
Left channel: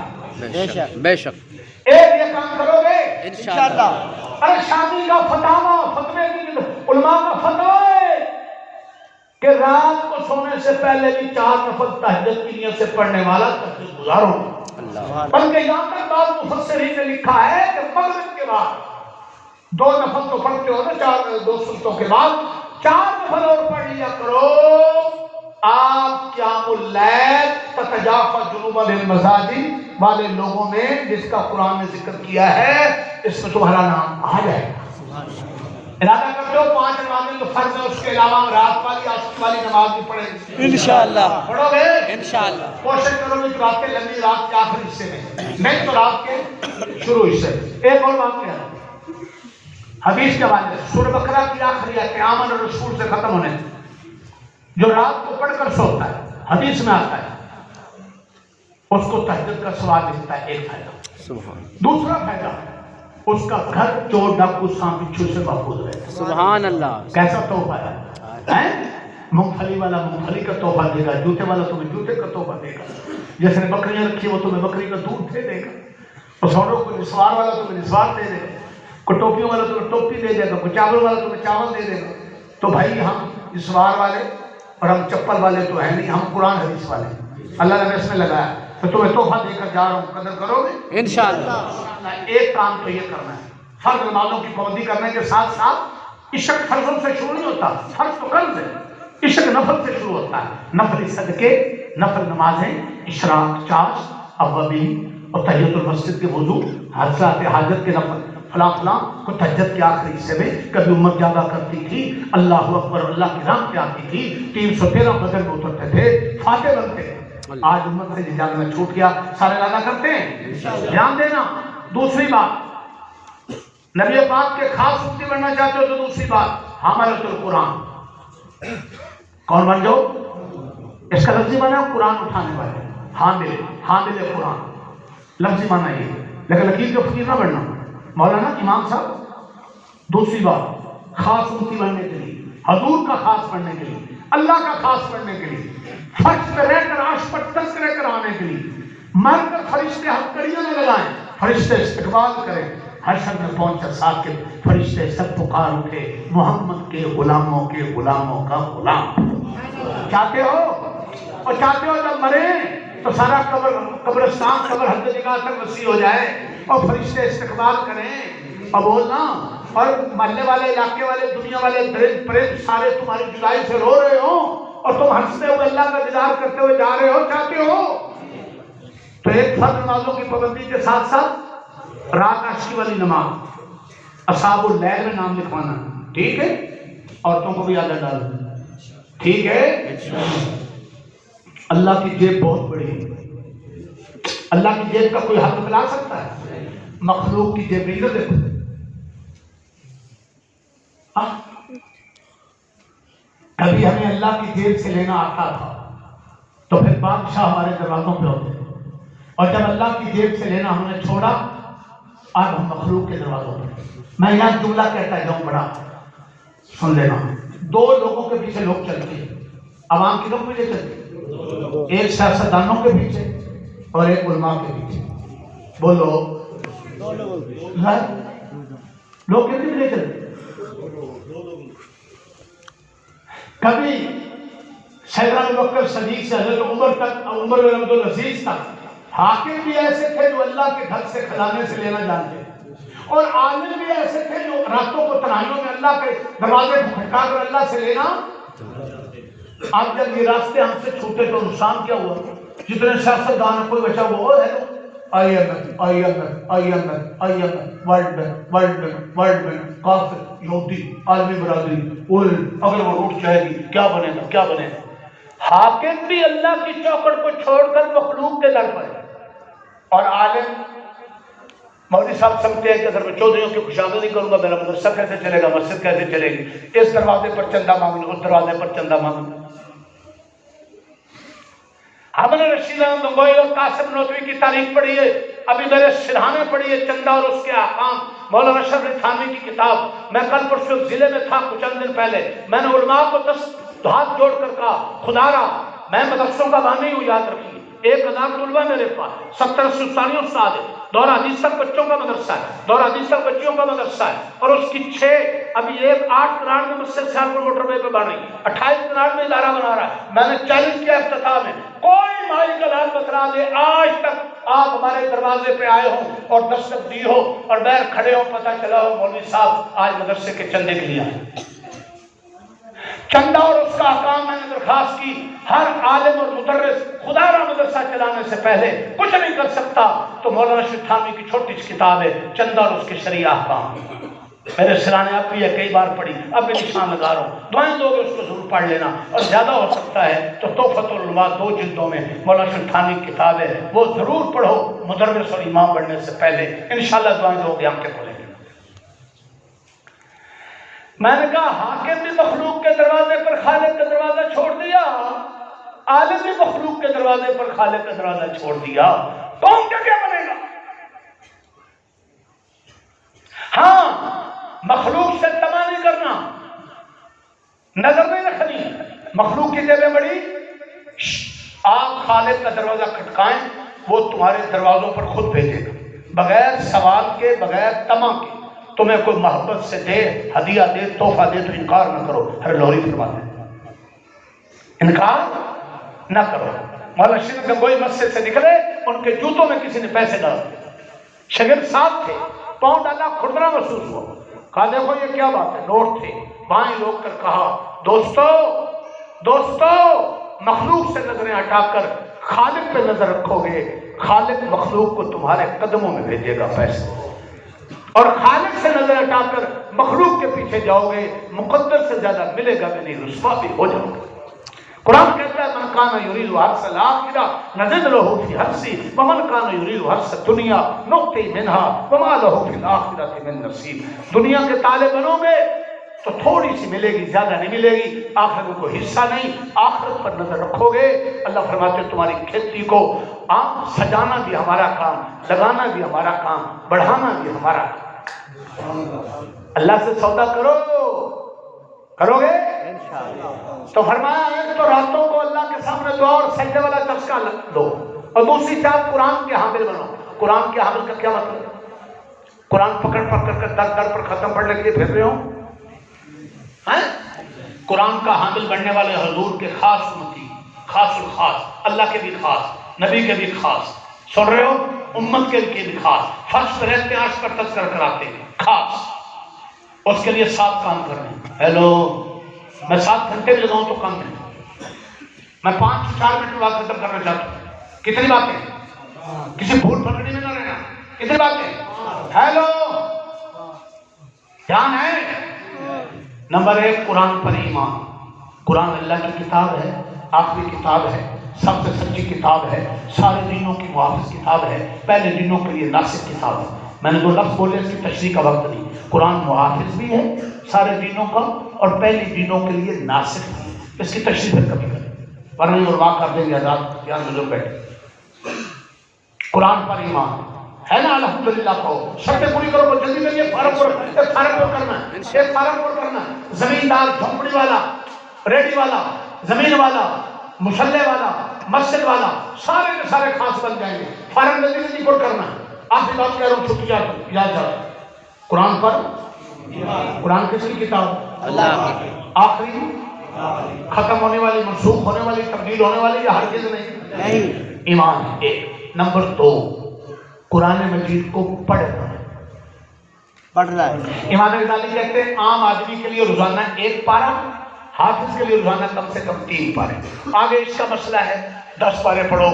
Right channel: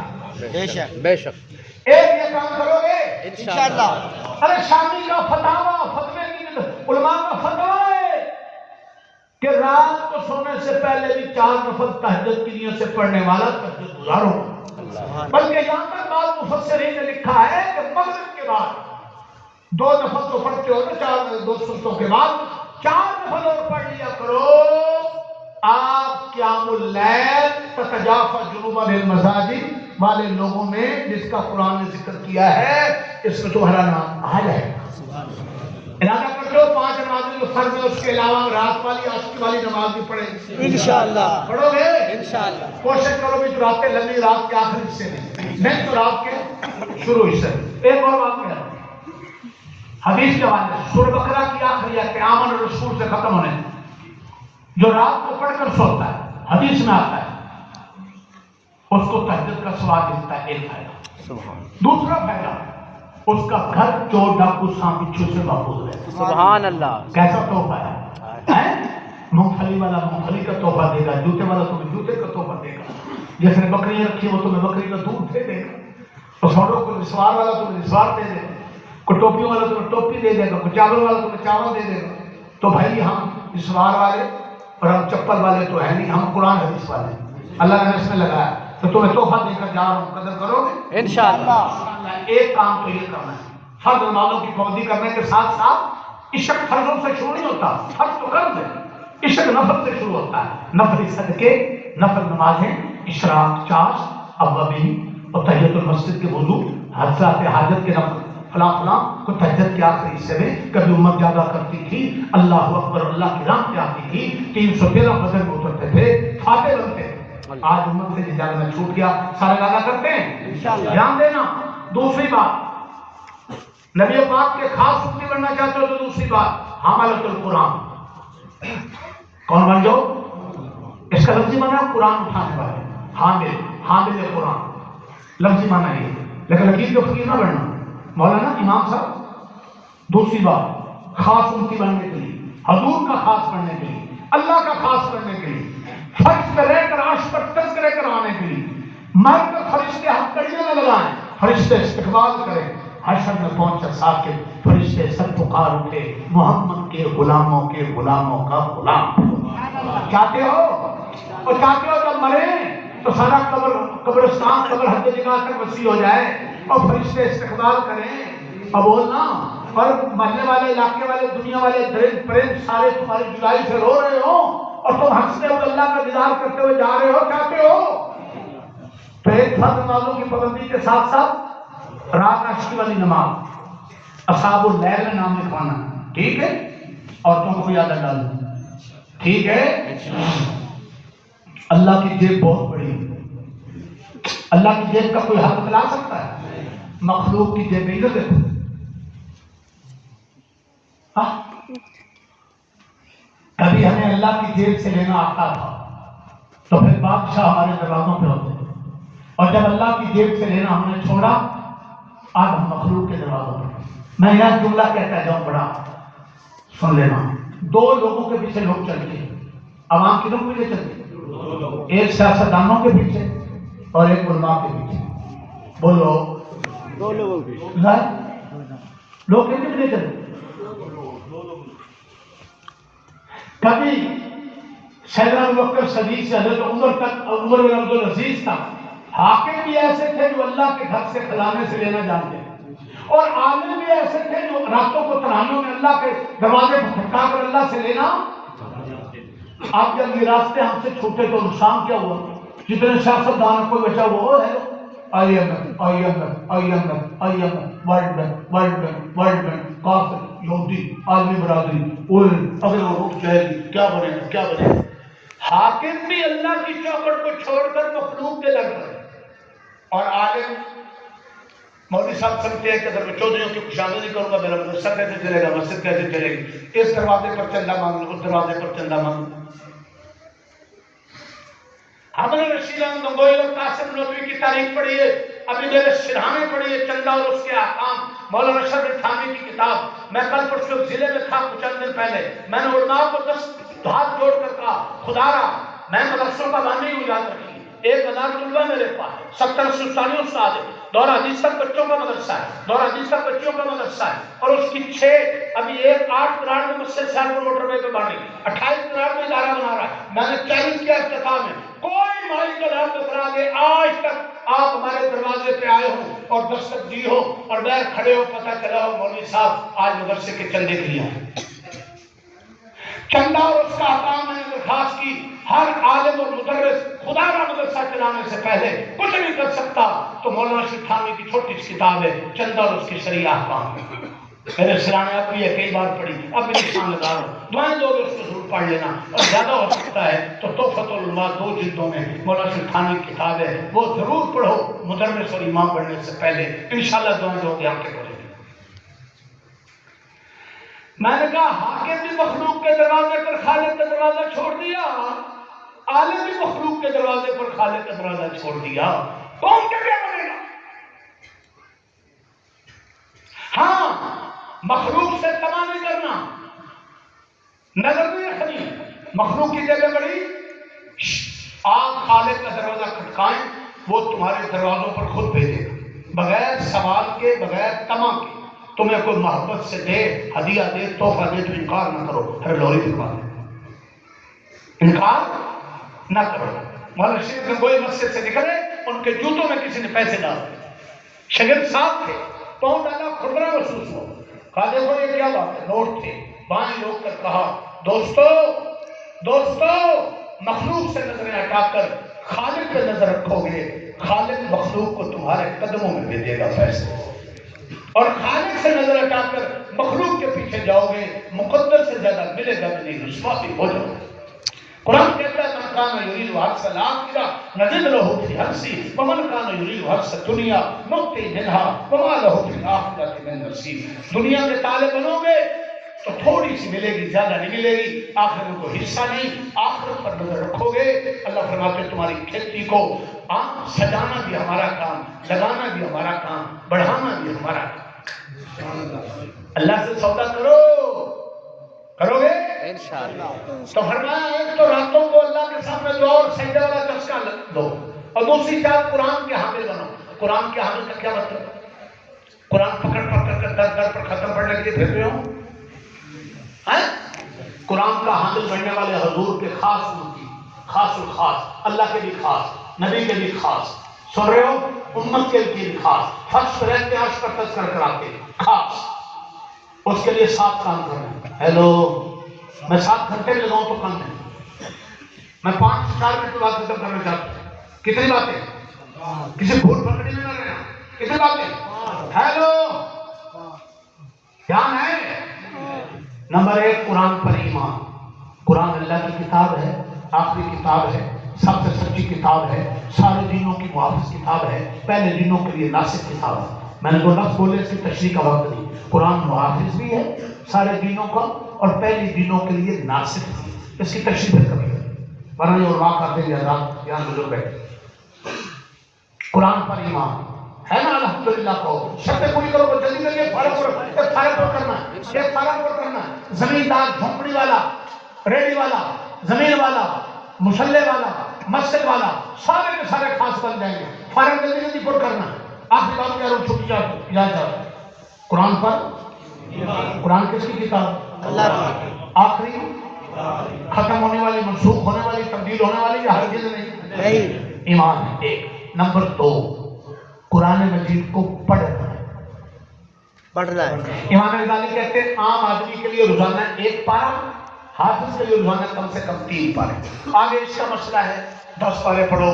بے شک بے شک۔ ایک یہ کام کرو گے انشاءاللہ۔ ارے شادی کا فتاوا، فتوے کی علماء کا فتوا ہے کہ رات کو سونے سے پہلے بھی 4 نفل تہجد کی نیت سے پڑھنے والا تہجد گزار ہوگا۔ بلکہ یہاں تک بعض مفسرین نے لکھا ہے کہ مغرب کے بعد 2 نفل تو پڑھتے ہو نا، 2 سنتوں کے بعد 4 نفل اور پڑھ لیا کرو۔ آپ قیام اللیل تتجافی جنوباً المضاجع والے لوگوں میں جس کا قرآن نے ذکر کیا ہے، اس میں تمہارا نام آ جائے۔ ارادہ کرتے ہو 5 نمازیں جو فرض ہے اس کے علاوہ رات والی عصر والی نماز بھی پڑھیں گے انشاءاللہ۔ پڑھو گے انشاءاللہ۔ کوشش کرو کہ رات کے لمبی رات کے آخری حصے میں، نہیں تو رات کے شروع حصے میں۔ ایک اور بات کہہ رہا ہوں، حدیث کے حوالے سے سورہ بقرہ کی آخری آیت آمن الرسول سے ختم ہونے، جو رات کو پڑھ کر سوتا ہے، حدیث میں آتا ہے اس کو تہجد کا ثواب ملتا ہے۔ ایک فائدہ۔ دوسرا فائدہ، اس کا گھر چور ڈاکو سانپ بچھو سے محفوظ ہے۔ سبحان اللہ۔ کیسا تحفہ ہے؟ مونگ پھلی والا مونگ پھلی کا تحفہ دے گا، جوتے والا تمہیں جوتے کا تحفہ دے گا، جس نے بکریاں رکھی وہ تمہیں بکری کا دودھ دے دے گا، سوڑوں کو نسوار والا تمہیں نسوار دے دے گا، کوئی ٹوپیوں والا تمہیں ٹوپی دے دے گا، کوئی چاول والا تمہیں چاول دے دے گا۔ تو بھائی ہم نسوار والے اور ہم چپل والے تو ہیں نہیں، ہم قرآن حدیث والے ہیں، اللہ نے اس میں لگایا تو تمہیں تحفہ دے کر جاؤ، قدر کرو گے انشاءاللہ۔ ایک کام تو یہ کرنا ہے، فرض نمازوں کی پابندی کرنے کے ساتھ ساتھ عشق فرضوں سے شروع نہیں ہوتا، فرض تو فرض ہے، عشق نفل سے شروع ہوتا ہے، نفلی صدقے، نفل نمازیں، اشراق، چاش، اوابین اور تحیت المسجد کے وضو، حضرات حاجت کے نفل، فلاں فلاں تو تہجد کے آخری حصے میں کبھی امت زیادہ کرتی تھی، اللہ اکبر اللہ کی راہ پہ آتی تھی، 313 بدر میں اترتے تھے، فاتح بنتے۔ آج امت سے جانے میں چھوٹ گیا، سارے لگا کرتے ہیں دھیان دینا۔ دوسری بات، نبی پاک کے خاص امتی بننا چاہتے ہو تو دوسری بات، حاملۃ القرآن۔ کون بن جاؤ؟ اس کا لفظی معنی ہے قرآن اٹھانے والے، حامل قرآن لفظی معنی ہے، لیکن لکیر کے فقیر نہ بننا مولانا امام صاحب۔ دوسری بات، خاص امتی بننے کے لیے، حضور کا خاص بننے کے لیے، اللہ کا خاص بننے کے لیے، فرش سے لے کر عرش پر تذکرے کرانے کے لیے، مر کر فرشتے ہتھ کڑیاں نہ لگائیں، فرشتے استقبال کریں، حشر میں پہنچا ساکن، فرشتے سب پکار اٹھے، محمد کے غلاموں کا غلام۔ چاہتے ہو اور چاہتے ہو جب مرے تو سارا قبرستان قبر حد نگاہ تک وسیع ہو جائے اور فرشتے استقبال کریں اور بولنا، اور محلے والے، علاقے والے، دنیا والے درد پرند سارے تمہاری جدائی سے رو رہے ہو اور تم ہنستے ہوئے اللہ کا دیدار کرتے ہوئے جا رہے ہو، چاہتے ہو تو ایک فرض نمازوں کی پابندی کے ساتھ ساتھ رات عشاء والی نماز اصحاب اللیل میں نام لکھوانا، ٹھیک ہے؟ عورتوں کو بھی عادت ڈالنا، ٹھیک ہے؟ اللہ کی جیب بہت بڑی ہے، اللہ کی جیب کا کوئی حق بلا سکتا ہے؟ مخلوق کی جیب نہیں دیکھو، کبھی ہمیں اللہ کی جیب سے لینا آتا تھا تو پھر بادشاہ ہمارے دروازوں پہ ہوتے تھے، اور جب اللہ کی جیب سے لینا ہم نے چھوڑا اب ہم مخلوق کے دروازوں پہ۔ میں یہاں جملہ کہتا جاؤں بڑا سن لینا، دو لوگوں کے پیچھے لوگ چلتے ہیں، عوام کی لوگ پیچھے چلتے ہیں، ایک سیاستدانوں کے پیچھے اور ایک علماء کے پیچھے۔ بولو لوگ کتنے پیچھے چلتے؟ کبھی سیدنا ابوبکر صدیق سے حضرت عمر تک، عمر بن عبدالعزیز تک حاکم بھی ایسے تھے جو اللہ کے گھر سے خزانے سے لینا جانتے اور عالم بھی ایسے تھے جو راتوں کو تنہائیوں میں اللہ کے دروازے کو کھٹکا کر اللہ سے لینا۔ اب جب یہ راستے ہم سے چھوٹے تو نقصان کیا ہوا؟ جتنے سیاستدان کوئی بچا وہ ہے ورلڈ بینک کافر یہودی عالمی برادری اگر وہ روٹ جائے گی کیا بنے گا کیا بنے گا؟ حاکم بھی اللہ کی چوکٹ کو چھوڑ کر مخلوق کے در پر ہے، اور عالم مولوی صاحب سمجھتے ہیں کہ اگر میں چودھریوں کی خوشامد نہیں کروں گا میرا مدرسہ کیسے چلے گا، مسجد کیسے چلے گی؟ اس دروازے پر چندہ مانگ لو، اس دروازے پر چندہ مانگ لو۔ ہم نے رشید احمد گنگوئی اور قاسم نوتوی کی تاریخ پڑھی ہے، ابھی میرے سرہانے پڑھی ہے، چندہ اور اس کے احکام، مولانا اشرف علی تھانوی کی کتاب۔ میں کل پرسوں ضلع میں تھا کچھ چند دن پہلے، میں نے علماء کو 10 ہاتھ جوڑ کر کہا خدا را میں مدرسوں کا بانی ہوں، یاد رکھیے 1000 طلبہ میرے پاس، 70 سلطانی استاد ہے، دورہ حدیث تک بچوں کا مدرسہ ہے، دورہ حدیث تک بچیوں کا مدرسہ ہے، اور اس کی 6 ابھی 8 قرار میں مسجد سال پر موٹر وے پہ بن رہی، 28 قرار میں ادارہ بنا رہا ہے۔ میں نے چیلنج کیا افتتاح میں، کوئی مائی کا لال بترا دے آج تک آپ ہمارے دروازے پہ آئے ہوں اور دستک دی ہو اور باہر کھڑے ہو پتہ چلا ہو مولوی صاحب آج مدرسے کے چندے کے لیے آئے۔ چندہ اور اس کا احکام میں نے درخواست کی، ہر عالم اور مدرس خدا را مدرسہ چلانے سے پہلے کچھ نہیں کر سکتا تو مولانا اشرف تھانوی کی چھوٹی سی کتاب ہے چندہ اور اس کے شرعی احکام، میرے سرانے اب بھی ہے، کئی بار پڑھی، اب بھی نشان لگا رہا ہوں، دعائیں دو گے اس کو ضرور پڑھ لینا، اور زیادہ ہو سکتا ہے تو تحفۃ العلماء 2 جلدوں میں مولانا اشرف تھانوی کی کتاب ہے، وہ ضرور پڑھو مدرس اور امام بننے سے پہلے، انشاءاللہ دعائیں دو گے ہم کے بولیں گے۔ میں نے کہا حاکم بھی مخلوق کے دروازے پر خالق کا دروازہ چھوڑ دیا، عالم بھی مخلوق کے دروازے پر خالق کا دروازہ چھوڑ دیا، قوم کا کیا بنے گا؟ ہاں مخلوق سے تما نہیں کرنا، نظر نہیں رکھنی، مخلوق کی جگہ بڑی، آپ خالق کا دروازہ کھٹکائیں، وہ تمہارے دروازوں پر خود بھیجے گا، بغیر سوال کے، بغیر تما کے۔ تمہیں کوئی محبت سے دے، ہدیہ دے، تحفہ دے تو انکار نہ کرو، ہر لوہری فرما دے، انکار نہ کرو۔ مولانا اشرف گنگوئی مسجد سے نکلے، ان کے جوتوں میں کسی نے پیسے ڈال دیے، شاگرد صاحب تھے، پاؤں ڈالا کھڑنا محسوس ہوا، کہا دیکھو یہ کیا بات ہے، نوٹ تھے، بائیں روک کر کہا دوستو مخلوق سے نظریں ہٹا کر خالق پہ نظر رکھو گے، خالق مخلوق کو تمہارے قدموں میں بھیجے گا پیسے، اور خالق سے نظر ہٹا کر مخلوق کے پیچھے جاؤ گے، مقدس سے زیادہ ملے گا نہیں، رسوا بھی ہو جاؤ گے۔ قرآن کہتا ہے من کان یرید حرث الآخرہ نزد لہ فی حرثہ ومن کان یرید حرث الدنیا نؤتیہ منہا وما لہ فی الآخرۃ من نصیب۔ دنیا کے تالے بنو گے تو تھوڑی سی ملے گی، زیادہ نہیں ملے گی، آخرت میں کوئی حصہ نہیں، آخرت پر نظر رکھو گے۔ اللہ فرماتے ہیں تمہاری کھیتی کو سجانا بھی ہمارا کام، لگانا بھی ہمارا کام، بڑھانا بھی ہمارا کام۔ اللہ سے سودا کرو گے انشاءاللہ۔ تو فرمایا ہے تو راتوں کو اللہ کے سامنے دعا اور سجدے والا چسکا دو، اور دوسری بات قرآن کے حامل بنو۔ قرآن کے حامل کا کیا مطلب؟ قرآن پکڑ کر در پر ختم پڑھنے کے لیے پھر رہے ہوں؟ قرآن کا حامل بننے والے حضور کے خاص امتی، خاص الخاص، اللہ کے بھی خاص، نبی کے بھی خاص، سن رہے ہو؟ امت کے بھی خاص، فرش پر رہتے عرش پر تذکر کراتے ہیں خاص، اس کے لیے 7 کام کرنے ہیں۔ ہیلو، میں 7 گھنٹے میں جاؤں تو کم ہے، میں 5-4 منٹ بات ختم کرنا چاہتا ہوں۔ کتنی باتیں؟ کسی بھول پکڑی میں نہ رہنا، کتنی باتیں؟ ہیلو، دھیان ہے؟ نمبر 1 قرآن پر ایمان۔ قرآن اللہ کی کتاب ہے، آخری کتاب ہے، سب سے سچی کتاب ہے، سارے دینوں کی محافظ کتاب ہے، پہلے دینوں کے لیے ناسخ کتاب ہے۔ میں نے جو لفظ بولے اس کی تشریح کا وقت نہیں۔ قرآن محافظ بھی ہے سارے دینوں کا اور پہلے دینوں کے لیے ناسخ بھی ہے۔ اس کی تشریح پھر کبھی کریں، ورنہ یہ علماء کر دیں گے آزاد یہاں بزرگ بیٹھے۔ قرآن پر ایمان ہے نا؟ الحمدللہ کو شرطیں پوری کرو، جلدی میں یہ فارم پر کرنا ہے، ایک فارم پر کرنا ہے۔ زمیندار، جھونپڑی والا، ریڈی والا، زمین والا، مصلے والا، مسجد والا، سارے کے سارے خاص بن جائیں گے۔ فارم جلدی جلدی پر کرنا ہے۔ آپ کی بات کہہ رہا ہوں، چھٹی یاد جاؤ۔ قرآن پر قرآن کس کی کتاب؟ اللہ کی۔ آخری، ختم ہونے والی، منسوخ ہونے والی، تبدیل ہونے والی، یا ہر چیز نہیں؟ ایمان ہے ایک۔ نمبر 2 قرآن مجید کو پڑھنا ہے۔ امام غزالی کہتے ہیں عام آدمی کے لیے روزانہ 1 پارہ، حافظ کے لیے روزانہ کم سے کم 3 پارے۔ آگے اس کا مسئلہ ہے 10 پارے پڑھو۔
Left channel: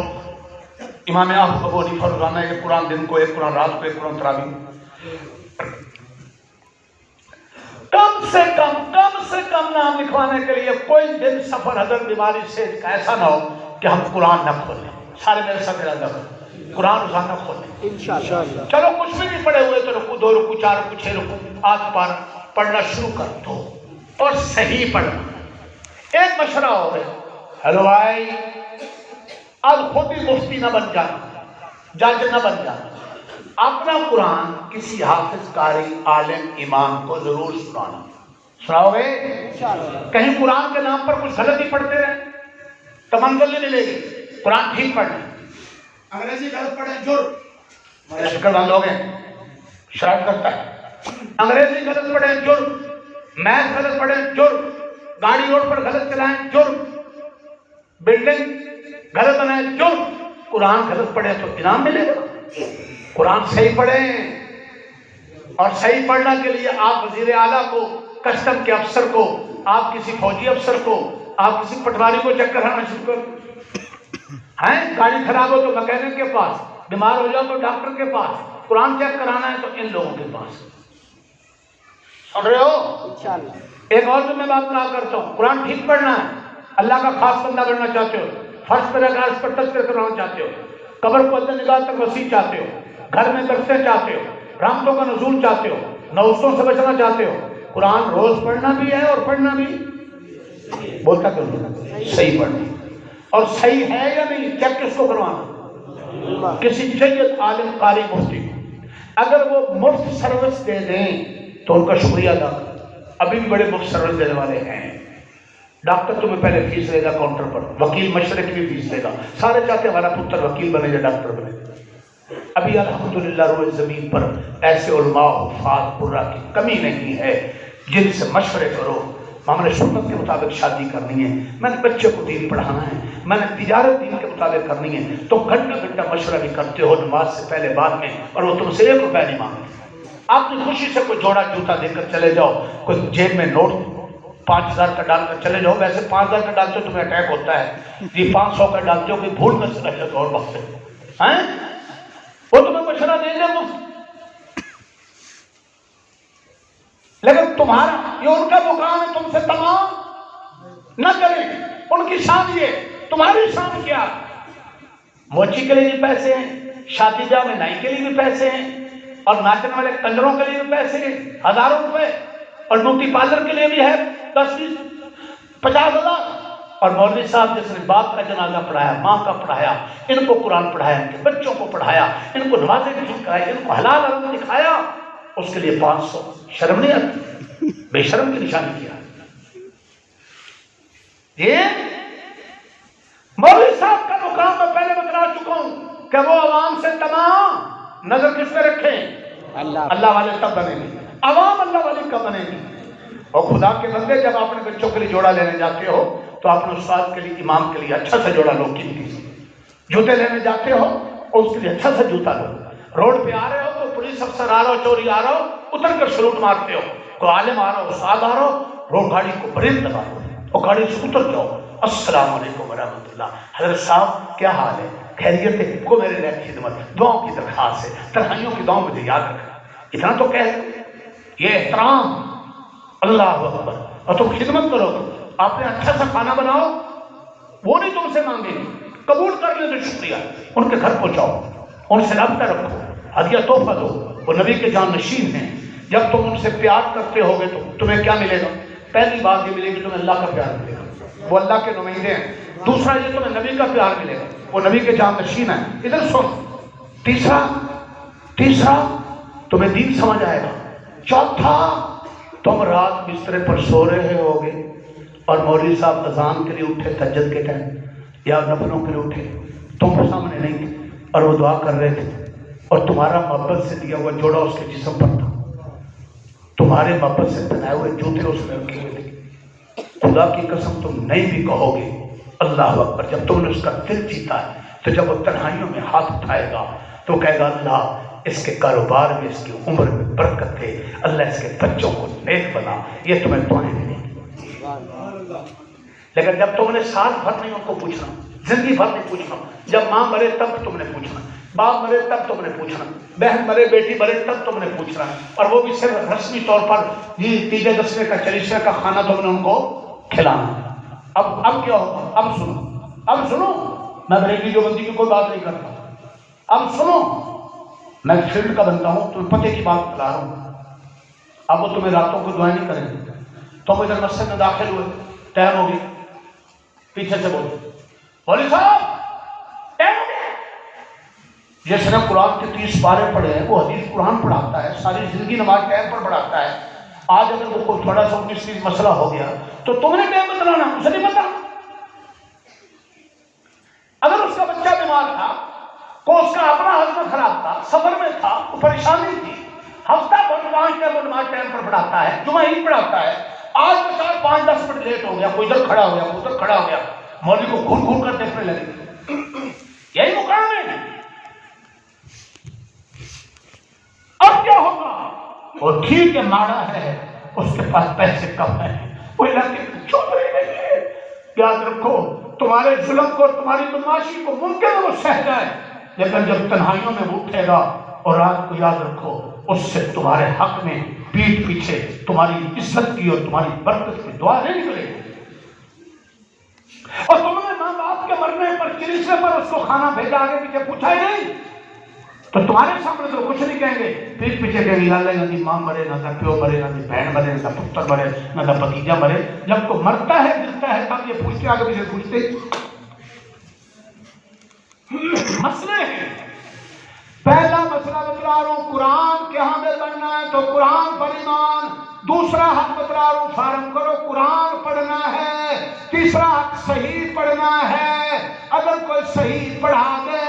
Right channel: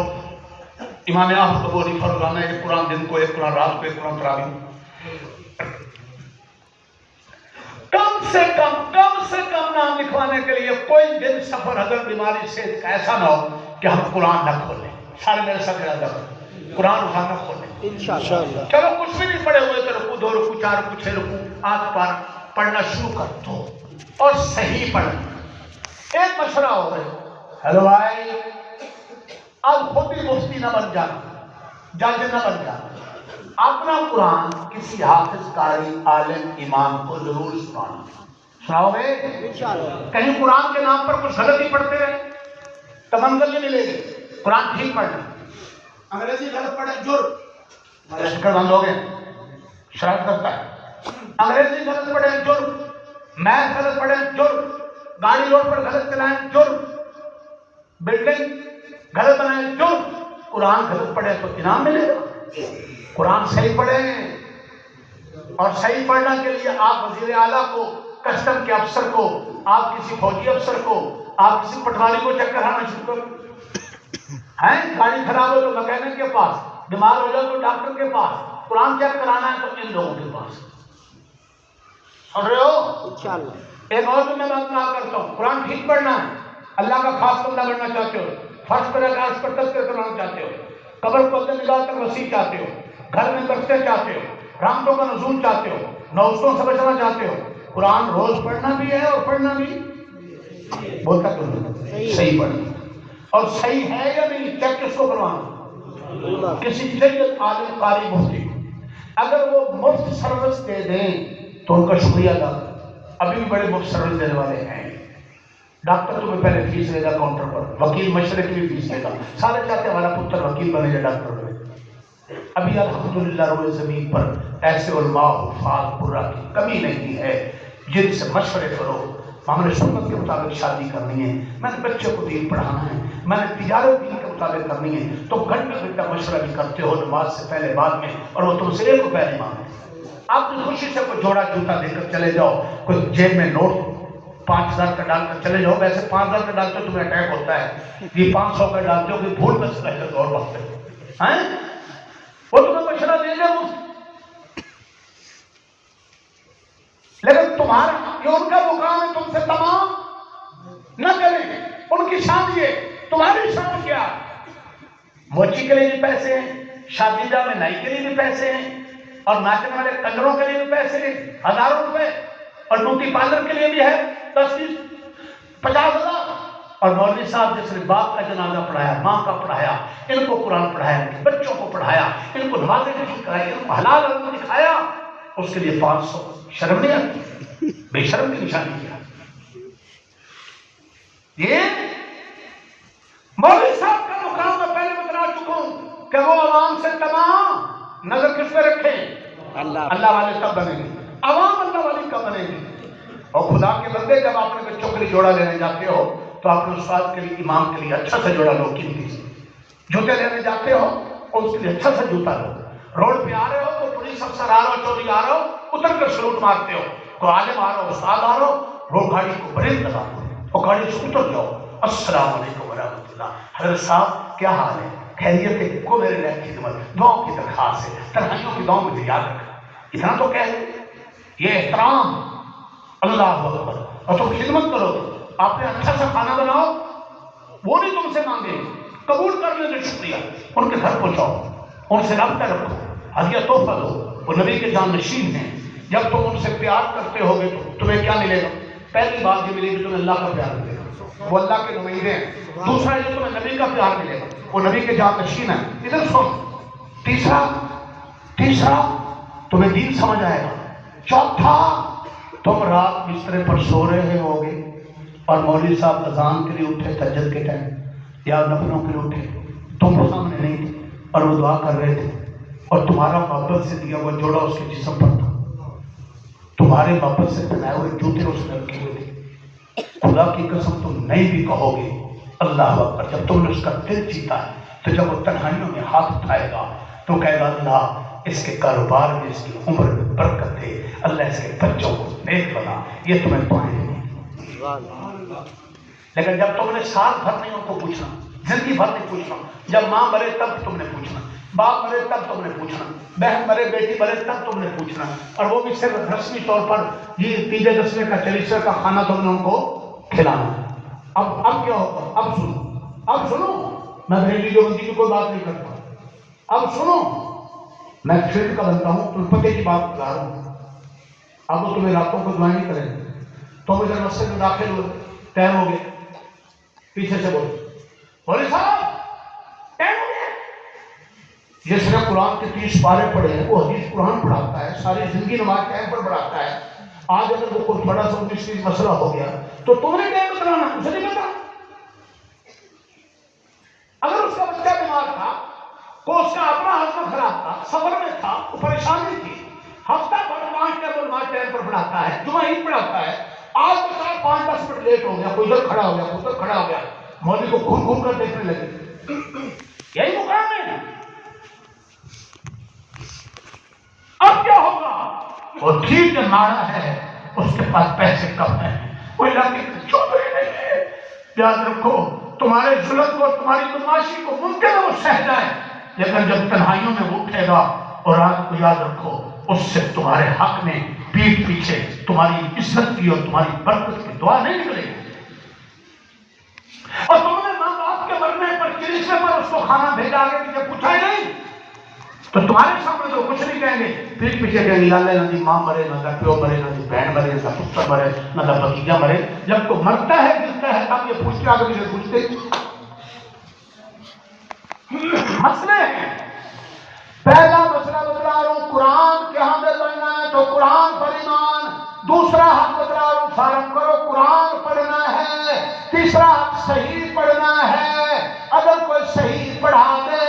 امام احمد ابو حنیفہ روزانہ 1 قرآن دن کو، 1 قرآن رات کو، 1 قرآن تراویح۔ کم سے کم نام لکھوانے کے لیے کوئی دن سفر حضرت بیماری سے ایسا نہ ہو کہ ہم قرآن نہ کھولیں۔ سارے میرے ساتھ اندر قرآن روزانہ کھولیں انشاءاللہ۔ چلو کچھ بھی نہیں پڑھے ہوئے تو رکوع 2 رکوع 4 رکوع 6 رکوع 8 پارہ پڑھنا شروع کر دو اور صحیح پڑھنا۔ ایک مشورہ ہو گیا، ہیلو بھائی، اب خود بھی مفتی نہ بن جانا، جج نہ بن جانا، اپنا قرآن کسی حافظ، قاری، عالم، امام کو ضرور سناؤ گے انشاءاللہ۔ کہیں قرآن کے نام پر کچھ غلطی پڑھتے رہے تو منزل نہیں ملے گی۔ قرآن ٹھیک پڑھنا، انگریزی غلط پڑھے جرم، ہمارے شکر بند ہو گئے، شراب کرتا ہے، انگریزی غلط پڑھے جرم، میتھ غلط پڑھے جرم، گاڑی روڈ پر غلط چلائیں جرم، بلڈنگ غلط بنائیں جرم۔ قرآن غلط پڑھے تو انعام ملے گا۔ قرآن صحیح پڑھیں، اور صحیح پڑھنے کے لیے آپ وزیر اعلیٰ کو، کسٹم کے افسر کو، آپ کسی فوجی افسر کو، آپ کسی پٹواری کو چیک کرانا شروع کریں۔ گاڑی خراب ہو تو مکینک کے پاس، بیمار ہو جاؤ تو ڈاکٹر کے پاس، قرآن چیک کرانا ہے تو ان لوگوں کے پاس۔ سن رہے ہو؟ انشاءاللہ۔ ایک اور جو میں بات نہ کرتا ہوں، قرآن ٹھیک پڑھنا ہے۔ اللہ کا خاص بندہ بننا چاہتے ہو، فرش پر اگر اس پر تذکر کرنا چاہتے ہو، قبر کو اندر نگاہ تک وسیع چاہتے ہو، گھر میں برکتیں چاہتے ہو، رحمتوں کا نزول چاہتے ہو، نوسوں سے بچنا چاہتے ہو، قرآن روز پڑھنا بھی ہے اور پڑھنا بھی بولتا کرنا صحیح پڑھنا۔ اور صحیح ہے یا نہیں چیک کس کو کروانا؟ کسی سید عالم قاری مفتی کو۔ اگر وہ مفت سروس دے دیں تو ان کا شکریہ ادا کرو۔ ابھی بھی بڑے مفت سروس دینے والے ہیں۔ ڈاکٹر تمہیں پہلے فیس لے گا کاؤنٹر پر، وکیل مشورے کی بھی فیس لے گا، سارے چاہتے ہیں ہمارا پتر وکیل بنے یا ڈاکٹر بنے۔ ابھی الحمدللہ روئے زمین پر ایسے علماء حفاظ قرآن کی کمی نہیں ہے جن سے مشورے کرو۔ ہم نے سنت کے مطابق شادی کرنی ہے، میں نے بچے کو دین پڑھانا ہے، میں نے تجارت دین کے مطابق کرنی ہے، تو گھنٹہ مشورہ بھی کرتے ہو نماز سے پہلے بعد میں، اور وہ تم سے 1 روپیہ نہیں مانگتے۔ آپ کی خوشی سے کوئی جوڑا جوتا دے کر چلے جاؤ، کوئی جیب میں نوٹ 5000 کا ڈال کر چلے جاؤ۔ ویسے 5000 کا ڈالتے ہو تمہیں اٹیک ہوتا ہے، یہ 500 کا ڈالتے ہو کہ بھول کر چلا جاتا اور وقت ہے وہ تمہیں مشورہ دے گا مفت، لیکن تمہارا یہ ان کا مقام ہے، تم سے تمام نہ کریں۔ ان کی شان یہ، تمہاری شان کیا؟ موچی کے لیے بھی پیسے ہیں، شادی جا میں نائی کے لیے بھی پیسے ہیں، اور ناچنے والے کنجروں کے لیے بھی پیسے ہیں، 1000 روپے، اور بیوٹی پارلر کے لیے بھی ہے 10-50,000۔ اور مولوی صاحب جس نے باپ کا جنازہ پڑھایا، ماں کا پڑھایا، ان کو قرآن پڑھایا، ان کے بچوں کو پڑھایا، ان کو نمازیں ٹھیک کرائی، ان کو حلال حرام دکھایا، اس کے لیے 500۔ شرم نہیں آتی؟ بے شرم کی نشانی کیا؟ یہ مولوی صاحب کا مقام میں پہلے بتلا چکا ہوں کہ وہ عوام سے تمام نظر کس پہ رکھیں؟ اللہ والے تب بنیں گے، عوام اللہ والی کب بنیں گے؟ اور خدا کے بندے جب اپنے بچوں کے لیے جوڑا لینے جاتے ہو تو اپنے استاد کے لیے، امام کے لیے اچھا سا جوڑا لو، قیمتی سے جوتے لینے جاتے ہو اور اس کے لیے اچھا سا جوتا لو. روڈ پہ آ رہے ہو تو پولیس افسر آ رہا ہو، چوری آ رہا ہو، اتر کر سلوٹ مارتے ہو. کوئی عالم آ رہا ہو، استاد آ رہا ہو، روڈ گاڑی کو بریک لگا دو اور گاڑی سے اتر جاؤ. السلام علیکم ورحمۃ اللہ، حضرت صاحب کیا حال ہے، خیریت ہے؟ کو میرے لیے خدمت دعاؤں کی درخواست ہے، تنہائیوں کی دعاؤں مجھے یاد رکھنا. اتنا تو کہہ، یہ احترام. اللہ اکبر. اور تم خدمت کرو، آپ نے اچھا سا کھانا بناؤ، وہ نہیں تم سے مانگے، قبول کر لیں تو شکریہ. ان کے گھر پہنچاؤ، ان سے رابطہ رکھو، ہدیہ تحفہ دو. وہ نبی کے جانشین ہیں. جب تم ان سے پیار کرتے ہوگے تو تمہیں کیا ملے گا؟ پہلی بات یہ ملے گی تمہیں اللہ کا پیار ملے گا، وہ اللہ کے نمائندے ہیں. دوسرا یہ تمہیں نبی کا پیار ملے گا، وہ نبی کے جانشین ہیں. ادھر سن. تیسرا تمہیں دین سمجھ آئے گا. چوتھا، تم رات بسترے پر سو رہے ہوگے اور مولوی صاحب اذان کے لیے اٹھے تہجد کے ٹائم یا نفلوں کے لیے اٹھے، تم سامنے نہیں تھے اور وہ دعا کر رہے تھے اور تمہارا محبت سے دیا ہوا جوڑا اس کے جسم پر تھا، تمہارے محبت سے پہنائے ہوئے جوتے اس نے رکھے ہوئے تھے. خدا کی قسم تم نہیں بھی کہو گے اللہ اکبر. جب تم نے اس کا دل جیتا ہے تو جب وہ تنہائیوں میں ہاتھ اٹھائے گا تو کہے گا اللہ اس کے کاروبار میں، اس کی عمر میں برکت دے، اللہ اس کے بچوں کو نیک بنا. یہ تمہیں دعائیں دیں. لیکن جب تم نے سال بھر نہیں ان کو پوچھنا، زندگی بھر نہیں پوچھنا، جب ماں مرے تب تم نے پوچھنا، باپ مرے تب تم نے پوچھنا، بہن مرے، بیٹی مرے تب تم نے پوچھنا، اور وہ بھی صرف رسمی طور پر یہ تیجے دسویں کا چلیسویں کا کھانا تم نے ان کو کھلانا. اب کیا ہوگا؟ اب سنو، میں بریلی دیوبندی کی کوئی بات نہیں کرتا. اب سنو، میں فیلڈ کا بنتا ہوں، تم پتے کی بات بتا رہا ہوں. اب وہ تمہیں راتوں کو دعائیں نہیں کریں گے. تم ادھر مسجد میں داخل ہوئے، ٹائم ہو گیا، پیچھے سے بول مولوی صاحب ٹائم ہو گیا. جس نے قرآن کے 30 پارے پڑھے ہیں وہ حدیث قرآن پڑھاتا ہے، ساری زندگی نماز ٹائم پر پڑھاتا ہے. آج اگر وہ کوئی تھوڑا سا 19-20 مسئلہ ہو گیا تو تم نے ٹائم بتلانا، اسے نہیں پتا. اگر اس کا بچہ بیمار تھا، کو اس کا اپنا ہضم خراب تھا، سفر میں تھا، پریشانی تھی، ہفتہ بھر نماز ٹائم پر پڑھاتا ہے، جمعہ عید پڑھاتا ہے. آج تو 5-10 منٹ لیٹ ہو گیا، کوئی ادھر کھڑا ہو گیا، کوئی ادھر کھڑا ہو گیا، مولوی کو گھوم گھوم کر دیکھنے لگے. یہی مقام ہے. اب کیا ہوگا؟ وہ ٹھیک ہے، مارا ہے، اس کے پاس پیسے کم ہیں، وہ علاقے میں چھوڑ رہے ہیں. یاد رکھو تمہارے ظلم کو، تمہاری بدماشی کو ممکن ہے وہ سہ جائے، لیکن جب تنہائیوں میں وہ اٹھے گا اور رات کو یاد رکھو اس سے تمہارے حق میں پیٹ پیچھے تمہاری عزت کی اور تمہاری برکت کی دعا نہیں نکلے گی. اور تم نے ماں باپ کے مرنے پر کلیسے پر اس کو کھانا بھیجا، آگے پیچھے پوچھا ہی نہیں تو تمہارے سامنے تو کچھ نہیں کہیں گے، پیٹ پیچھے کہیں گے لالے نہ دی ماں مرے، نہ دا پیو مرے، نہ دی بہن مرے، نہ پتر مرے، نہ دا بھتیجا مرے. جب تو مرتا ہے گرتا ہے تب یہ پوچھتے، آگے پیچھے پوچھتے. مسئلے ہیں. پہلا مسئلہ بتلا رہا ہوں، قرآن کے حامل بننا ہے تو قرآن پر ایمان. دوسرا حق بتلا رہا ہوں، فارم کرو، قرآن پڑھنا ہے. تیسرا حق صحیح پڑھنا ہے. اگر کوئی صحیح پڑھا دے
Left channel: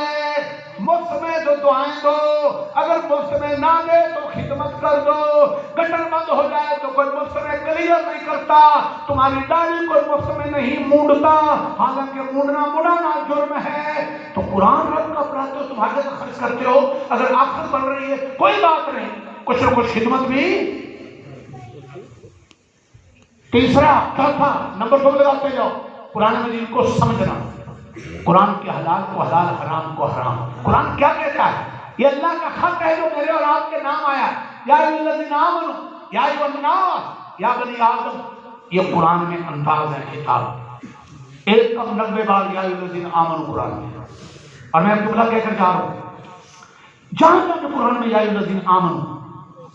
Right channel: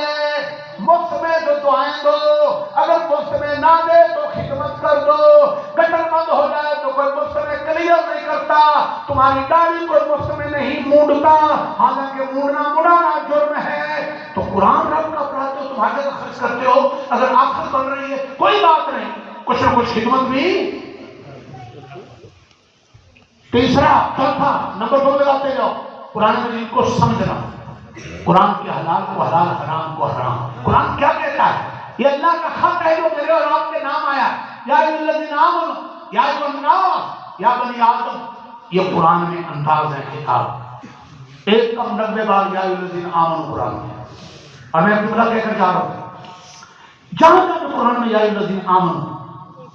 مفت میں تو دعائیں دو، اگر مفت میں نہ دے تو خدمت کر دو. گٹر بند ہو جائے تو کوئی مفت میں کلیئر نہیں کرتا، تمہاری داڑھی کوئی مفت میں نہیں مونڈتا، حالانکہ مونڈنا مڑانا جرم ہے. تو قرآن رب کا پڑھاتے ہو، تمہارے خرچ کرتے ہو، اگر آخر بن رہی ہے کوئی بات نہیں، کچھ نہ کچھ خدمت بھی. تیسرا، چوتھا نمبر 2 پہ آتے جاؤ، قرآن مجید کو سمجھنا، قرآن کے حلال کو حلال، حرام کو حرام. قرآن کیا کہتا ہے؟ یہ اللہ کا خط ہے جو میرے اور آپ کے نام آیا، یا ایھا الذین آمنوا، یا ایھا الناس، یا بنی آدم. یہ قرآن میں الفاظ ہیں، خطاب. ایک کم 90 بار یا ایھا الذین آمنوا قرآن میں. اور میں جملہ کہہ کر جا رہا ہوں، جہاں تک قرآن میں یا ایھا الذین آمنوا،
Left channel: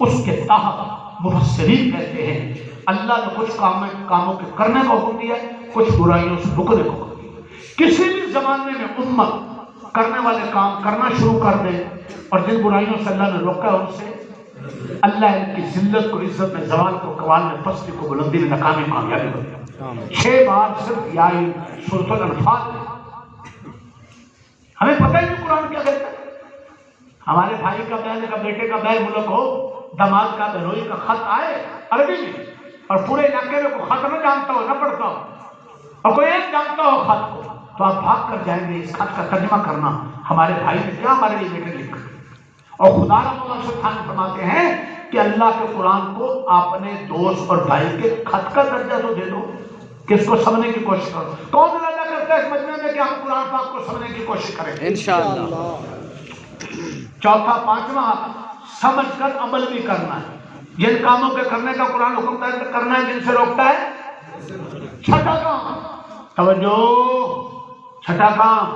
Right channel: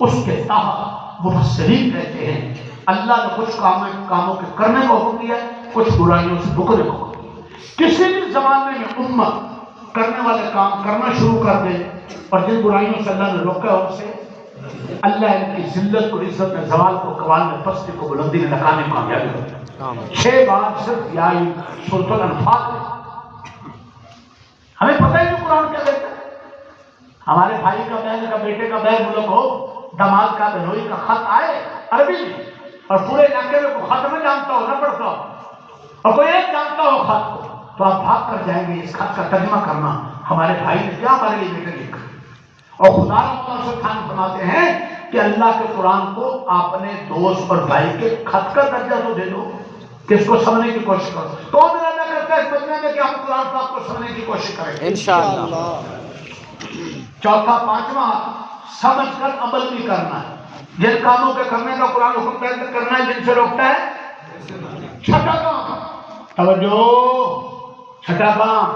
اس کے تحت مفسرین کہتے ہیں اللہ نے کچھ کاموں کے کرنے کو حکم دیا ہے، کچھ برائیوں سے رکنے کو. کسی بھی زمانے میں امت کرنے والے کام کرنا شروع کر دے اور جن برائیوں سے اللہ نے روکا ان سے اللہ ان کی ذلت کو، عزت میں زوال کو، کمال میں پستی کو، بلندی میں نکالنے میں کامیابی ہوتا ہے. 6 بار صرف یا سورۃ الانفال. ہمیں پتہ ہی نہیں قرآن کیا کہتا ہے. ہمارے بھائی کا بہن کا بیٹے کا بہن ملک ہو، داماد کا بہنوئی کا خط آئے عربی میں اور پورے علاقے میں کوئی خط نہ جانتا ہو، نہ پڑھتا ہو اور کوئی ایک جانتا ہو خط کو، تو آپ بھاگ کر جائیں گے اس خط کا ترجمہ کرنا ہمارے بھائی نے کیا ہمارے لیے بیٹے لکھا۔ اور خدا فرماتے ہیں کہ اللہ کے قرآن کو اپنے دوست اور بھائی کے خط کا درجہ تو دے دو کہ اس کو سمجھنے کی کوشش کرو۔ کون ارادہ کرتا ہے اس مجمع میں کہ ہم قرآن پاک کو سمجھنے کی کوشش کریں؟ انشاءاللہ۔ چوتھا پانچواں، سمجھ کر عمل بھی کرنا ہے۔ جن کاموں کے کرنے کا قرآن حکم کرنا ہے، جن سے روکتا ہے۔ چھٹا کام، توجہ، چھٹا کام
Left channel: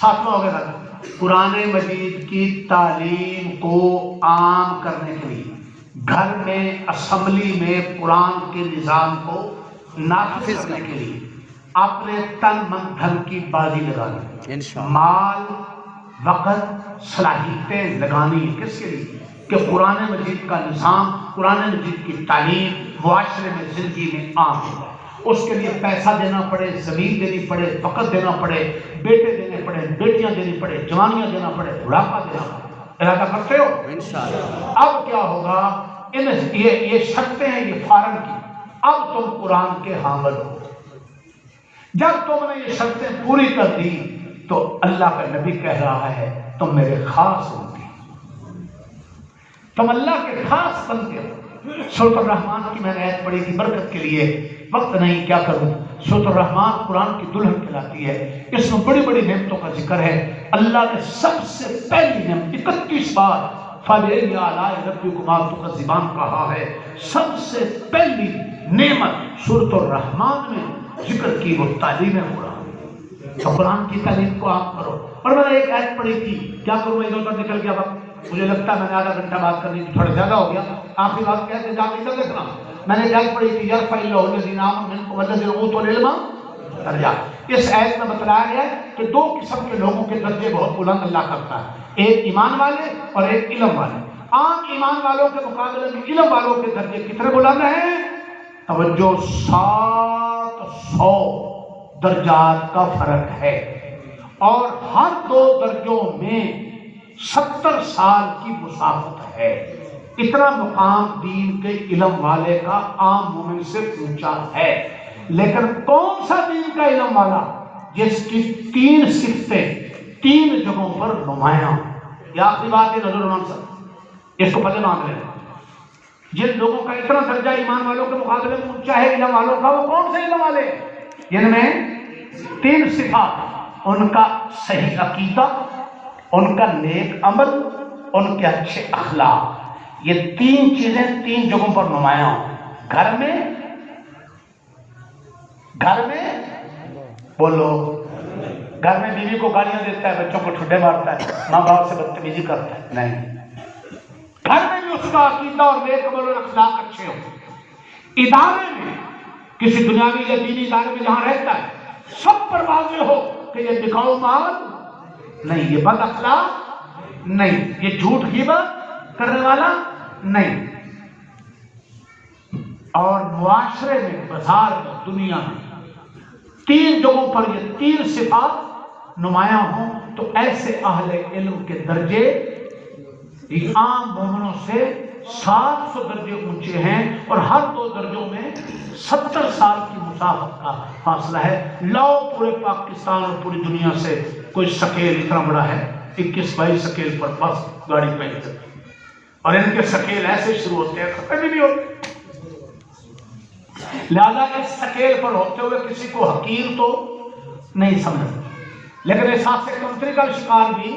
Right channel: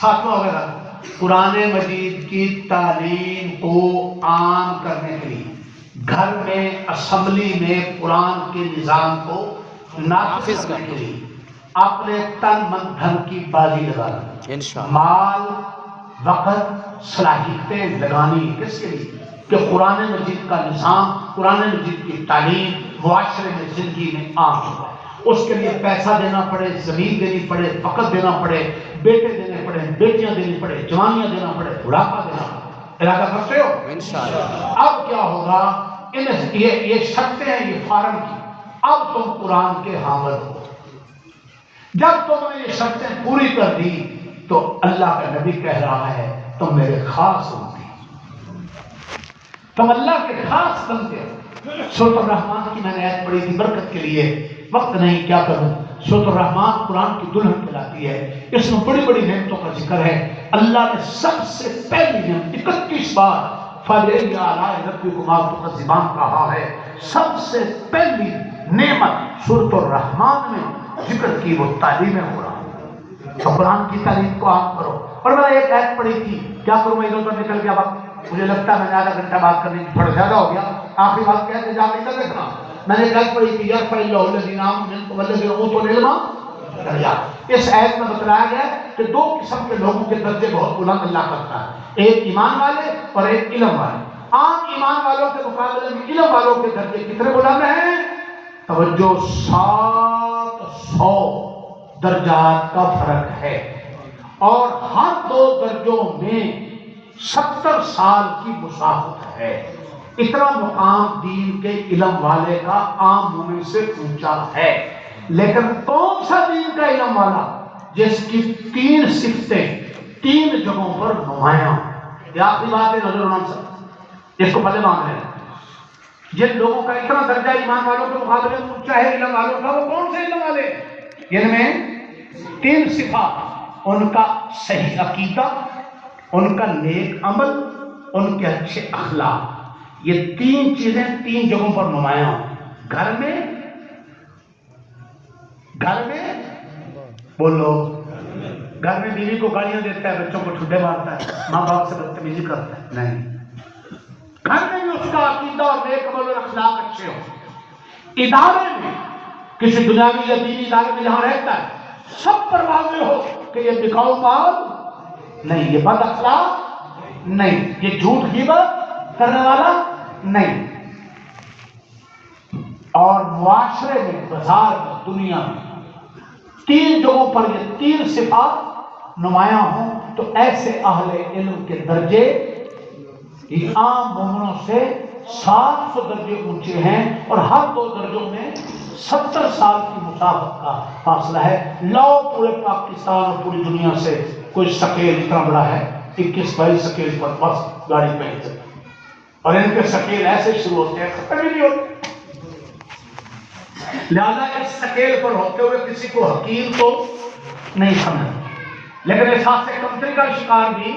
ساتواں وغیرہ، قرآن مجید کی تعلیم کو عام کرنے کے لیے گھر میں اسمبلی میں قرآن کے نظام کو نافذ کرنے کے لیے اپنے تن من دھن کی بازی لگانا، مال وقت صلاحیتیں لگانی، کس کے لیے؟ کہ قرآن مجید کا نظام، قرآن مجید کی تعلیم معاشرے میں زندگی میں عام ہو۔ اس کے لیے پیسہ دینا پڑے، زمین دینی پڑے، وقت دینا پڑے، بیٹے دینے پڑے، بیٹیاں دینی پڑے، جوانیاں دینا پڑے، بڑھاپا دینا پڑے۔ ارادہ کرتے ہو؟ انشاءاللہ۔ اب کیا ہوگا؟ یہ شرطیں ہیں یہ فارم کی، اب تم قرآن کے حامل ہو۔ جب تم نے یہ شرطیں پوری کر دی تو اللہ کا نبی کہہ رہا ہے تم میرے خاص بنتے ہو، تم اللہ کے خاص بنتے ہو۔ سورۃ الرحمن کی میں نے آیت پڑھی تھی برکت کے لیے، وقت نہیں کیا کروں۔ سورۃ الرحمن قرآن کی دلہن کہلاتی ہے، اس میں بڑی بڑی نعمتوں کا ذکر ہے۔ اللہ نے سب سے پہلی نعمت 31 بار فَبِأَيِّ آلَاءِ رَبِّكُمَا تُكَذِّبَانِ کہا ہے، سب سے پہلی نعمت سورۃ الرحمن میں ذکر کی وہ تعلیم قرآن۔ تو قرآن کی تعلیم کو آپ کرو۔ اور میں نے ایک آیت پڑھی تھی، کیا کروں میں ادھر نکل گیا وقت، مجھے لگتا ہے میں نے آدھا گھنٹہ بات کرنے کی تھوڑا زیادہ ہو گیا۔ آخری بات کیا ہے جامعہ کا دیکھنا، میں نے ایک آیت پڑھی تھی یرفع اللہ الذین آمنوا منکم والذین اوتوا العلم درجات۔ اس آیت میں بتلایا گیا کہ دو قسم کے لوگوں کے درجے بہت بلند اللہ کرتا ہے، ایک ایمان والے اور ایک علم والے۔ عام ایمان والوں کے مقابلے میں علم والوں کے درجے کتنے بلند ہیں؟ توجہ، 700 درجات کا فرق ہے، اور ہر دو درجوں میں 70 سال کی مسافت ہے۔ اتنا مقام دین کے علم والے کا عام مومن سے اونچا ہے۔ لیکن کون سا دین کا علم والا جس کی 3 صفتیں 3 جگہوں پر نمایاں؟ یہ آخری بات ہے نظر مان صاحب، اس کو پہلے مانگ رہے ہیں۔ جن لوگوں کا اتنا درجہ ایمان والوں کے مقابلے میں اونچا ہے علم والوں کا، وہ کون سے علم والے؟ جن میں 3 صفات، ان کا صحیح عقیدہ، ان کا نیک عمل، ان کے اچھے اخلاق، یہ 3 چیزیں 3 جگہوں پر نمایاں ہوں۔ گھر میں بولو، گھر میں بیوی کو گالیاں دیتا ہے، بچوں کو ٹھڈے مارتا ہے، ماں باپ سے بدتمیزی کرتا ہے، نہیں، گھر میں بھی اس کا عقیدہ اور نیک عمل اور اخلاق اچھے ہو۔ ادارے میں، کسی دنیاوی یا دینی ادارے میں جہاں رہتا ہے، سب پر واضح ہو کہ یہ دکھاؤ مال نہیں، یہ بد اخلاق نہیں، یہ جھوٹ غیبت کرنے والا نہیں۔ اور معاشرے میں، بازار میں، دنیا میں 3 جگہوں پر یہ 3 صفات نمایاں ہوں تو ایسے اہل علم کے درجے عام مومنوں سے 700 درجے اونچے ہیں، اور ہر 2 درجوں میں 70 سال کی مسافت کا فاصلہ ہے۔ لو پورے پاکستان اور پوری دنیا سے کوئی سکیل اتنا بڑا ہے، 21-22 سکیل پر بس گاڑی پہنچ جاتی، اور ان کے سکیل ایسے شروع ہوتے ہیں ختم ہی نہیں ہوتے۔ لہذا اس سکیل پر ہوتے ہوئے کسی کو حقیر تو نہیں سمجھا، لیکن احساس کمتری کا شکار بھی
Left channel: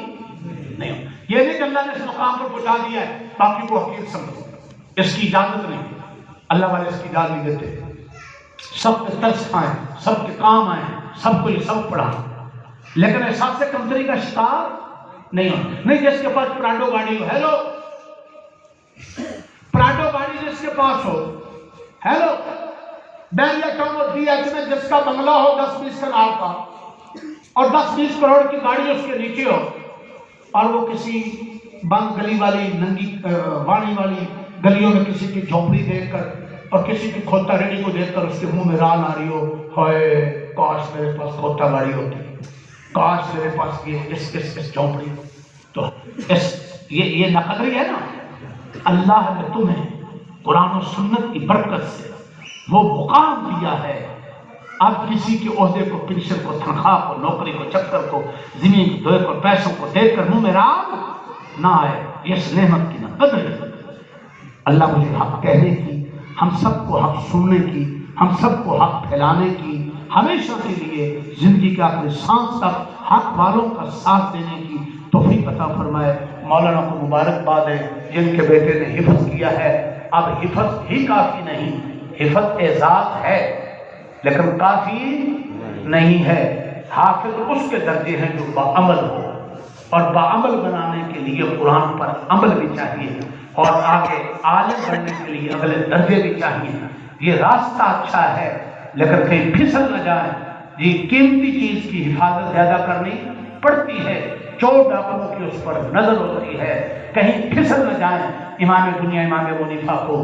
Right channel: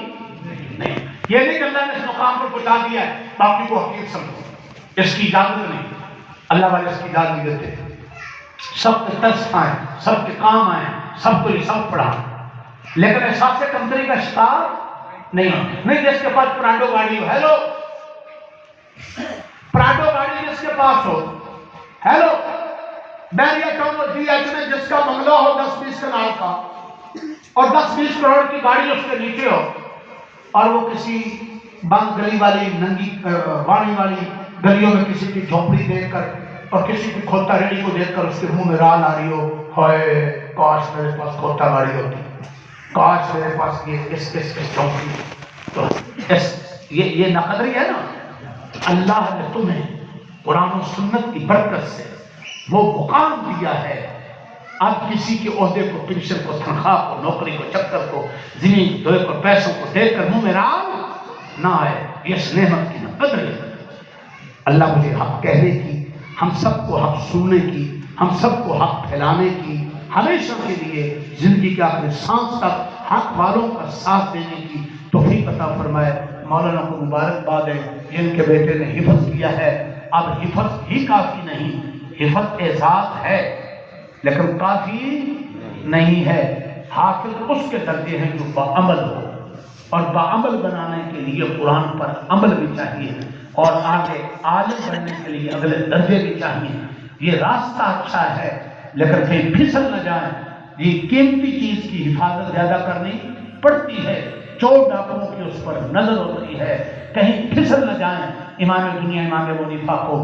نہیں۔ یہ نہیں کہ اللہ نے اس مقام پر پہنچا دیا ہے باقی کو حقیر سمجھو، اس کی اجازت نہیں، اللہ والے اس کی اجازت نہیں دیتے۔ سب کے دست آئیں، سب کے کام آئیں، سب کو سب پڑھا، لیکن احساس کمتری کا شکار نہیں جس کے پاس پراڈو گاڑی ہو، ہیلو پراڈو گاڑی جس کے پاس ہو، ہیلو بیریا ٹاؤن اور ڈی ایچ میں جس کا بنگلہ ہو 10-20 کنال کا، اور 10-20 کروڑ کی گاڑی اس کے نیچے ہو، اور وہ کسی بند گلی والی ننگی وانی والی گلیوں میں کسی کی جھونپڑی دیکھ کر اور کسی کی کھوتا ریڈی کو دیکھ کر اس کے منہ میں ران آ رہی ہو، ہائے کاش میرے پاس کھوتا گاڑی ہوتی، کاش میرے پاس یہ اس جھونپڑی یہ نقدری ہے نا، اللہ نے تمہیں قرآن و سنت کی برکت سے وہ مقام دیا ہے، آپ کسی کے عہدے کو، پنشن کو، تنخواہ کو، نوکری کو، چکر کو، زمین کو، پیسوں کو دیکھ کر منہ میں رام نہ آئے، یہ اس نعمت کی قدر ہے۔ اللہ مجھے حق کہنے کی، ہم سب کو حق سننے کی، ہم سب کو حق پھیلانے کی، ہمیشہ کے لیے زندگی کے آخری سانس تک حق والوں کا ساتھ دینے کی توفیق عطا فرمائے۔ مولانا کو مبارکباد ہے جن کے بیٹے نے حفظ کیا ہے۔ اب حفظ ہی کافی نہیں، حفظ اعزاز ہے لیکن کافی نہیں ہے۔ حافظ اس کے درجے ہیں جو باعمل ہو، اور باعمل بنانے کے لیے قرآن پر عمل بھی چاہیے، اور آگے عالم بننے کے لیے اگلے درجے بھی چاہیے۔ یہ راستہ اچھا ہے لیکن کہیں پھسل نہ جائیں۔ یہ قیمتی چیز کی حفاظت زیادہ کرنی پڑتی ہے، چور ڈاکوؤں کی اس پر نظر ہوتی ہے، کہیں پھسل نہ جائیں۔ امام دنیا امام ابو حنیفہ کو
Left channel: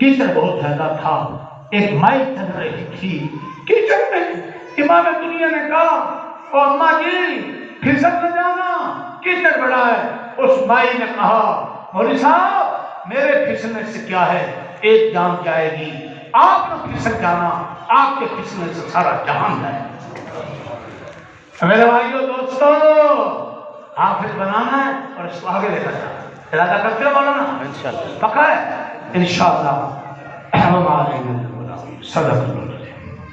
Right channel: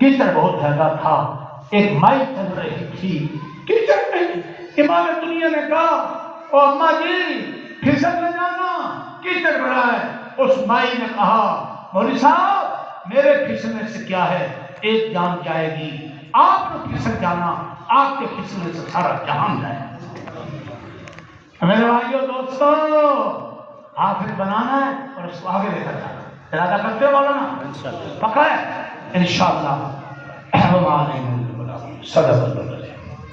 کیچڑ بہت زیادہ تھا، ایک مائی چل رہی تھی کیچڑ میں، امام دنیا نے کہا او اماں جی پھسل نہ جانا، کیچڑ بڑا ہے۔ اس مائی نے کہا مولوی صاحب میرے پھسلنے سے کیا ہے، ایک جان جائے گی، آپ نہ پھسل جانا، آپ کے پھسلنے سے سارا جہان جائے۔ میرے بھائیو دوستو، حافظ بنانا ہے اور اس کو آگے لے کر جانا۔ ارادہ کرتے ہو مولانا؟ پکا ہے انشاءاللہ۔ صدق اللہ۔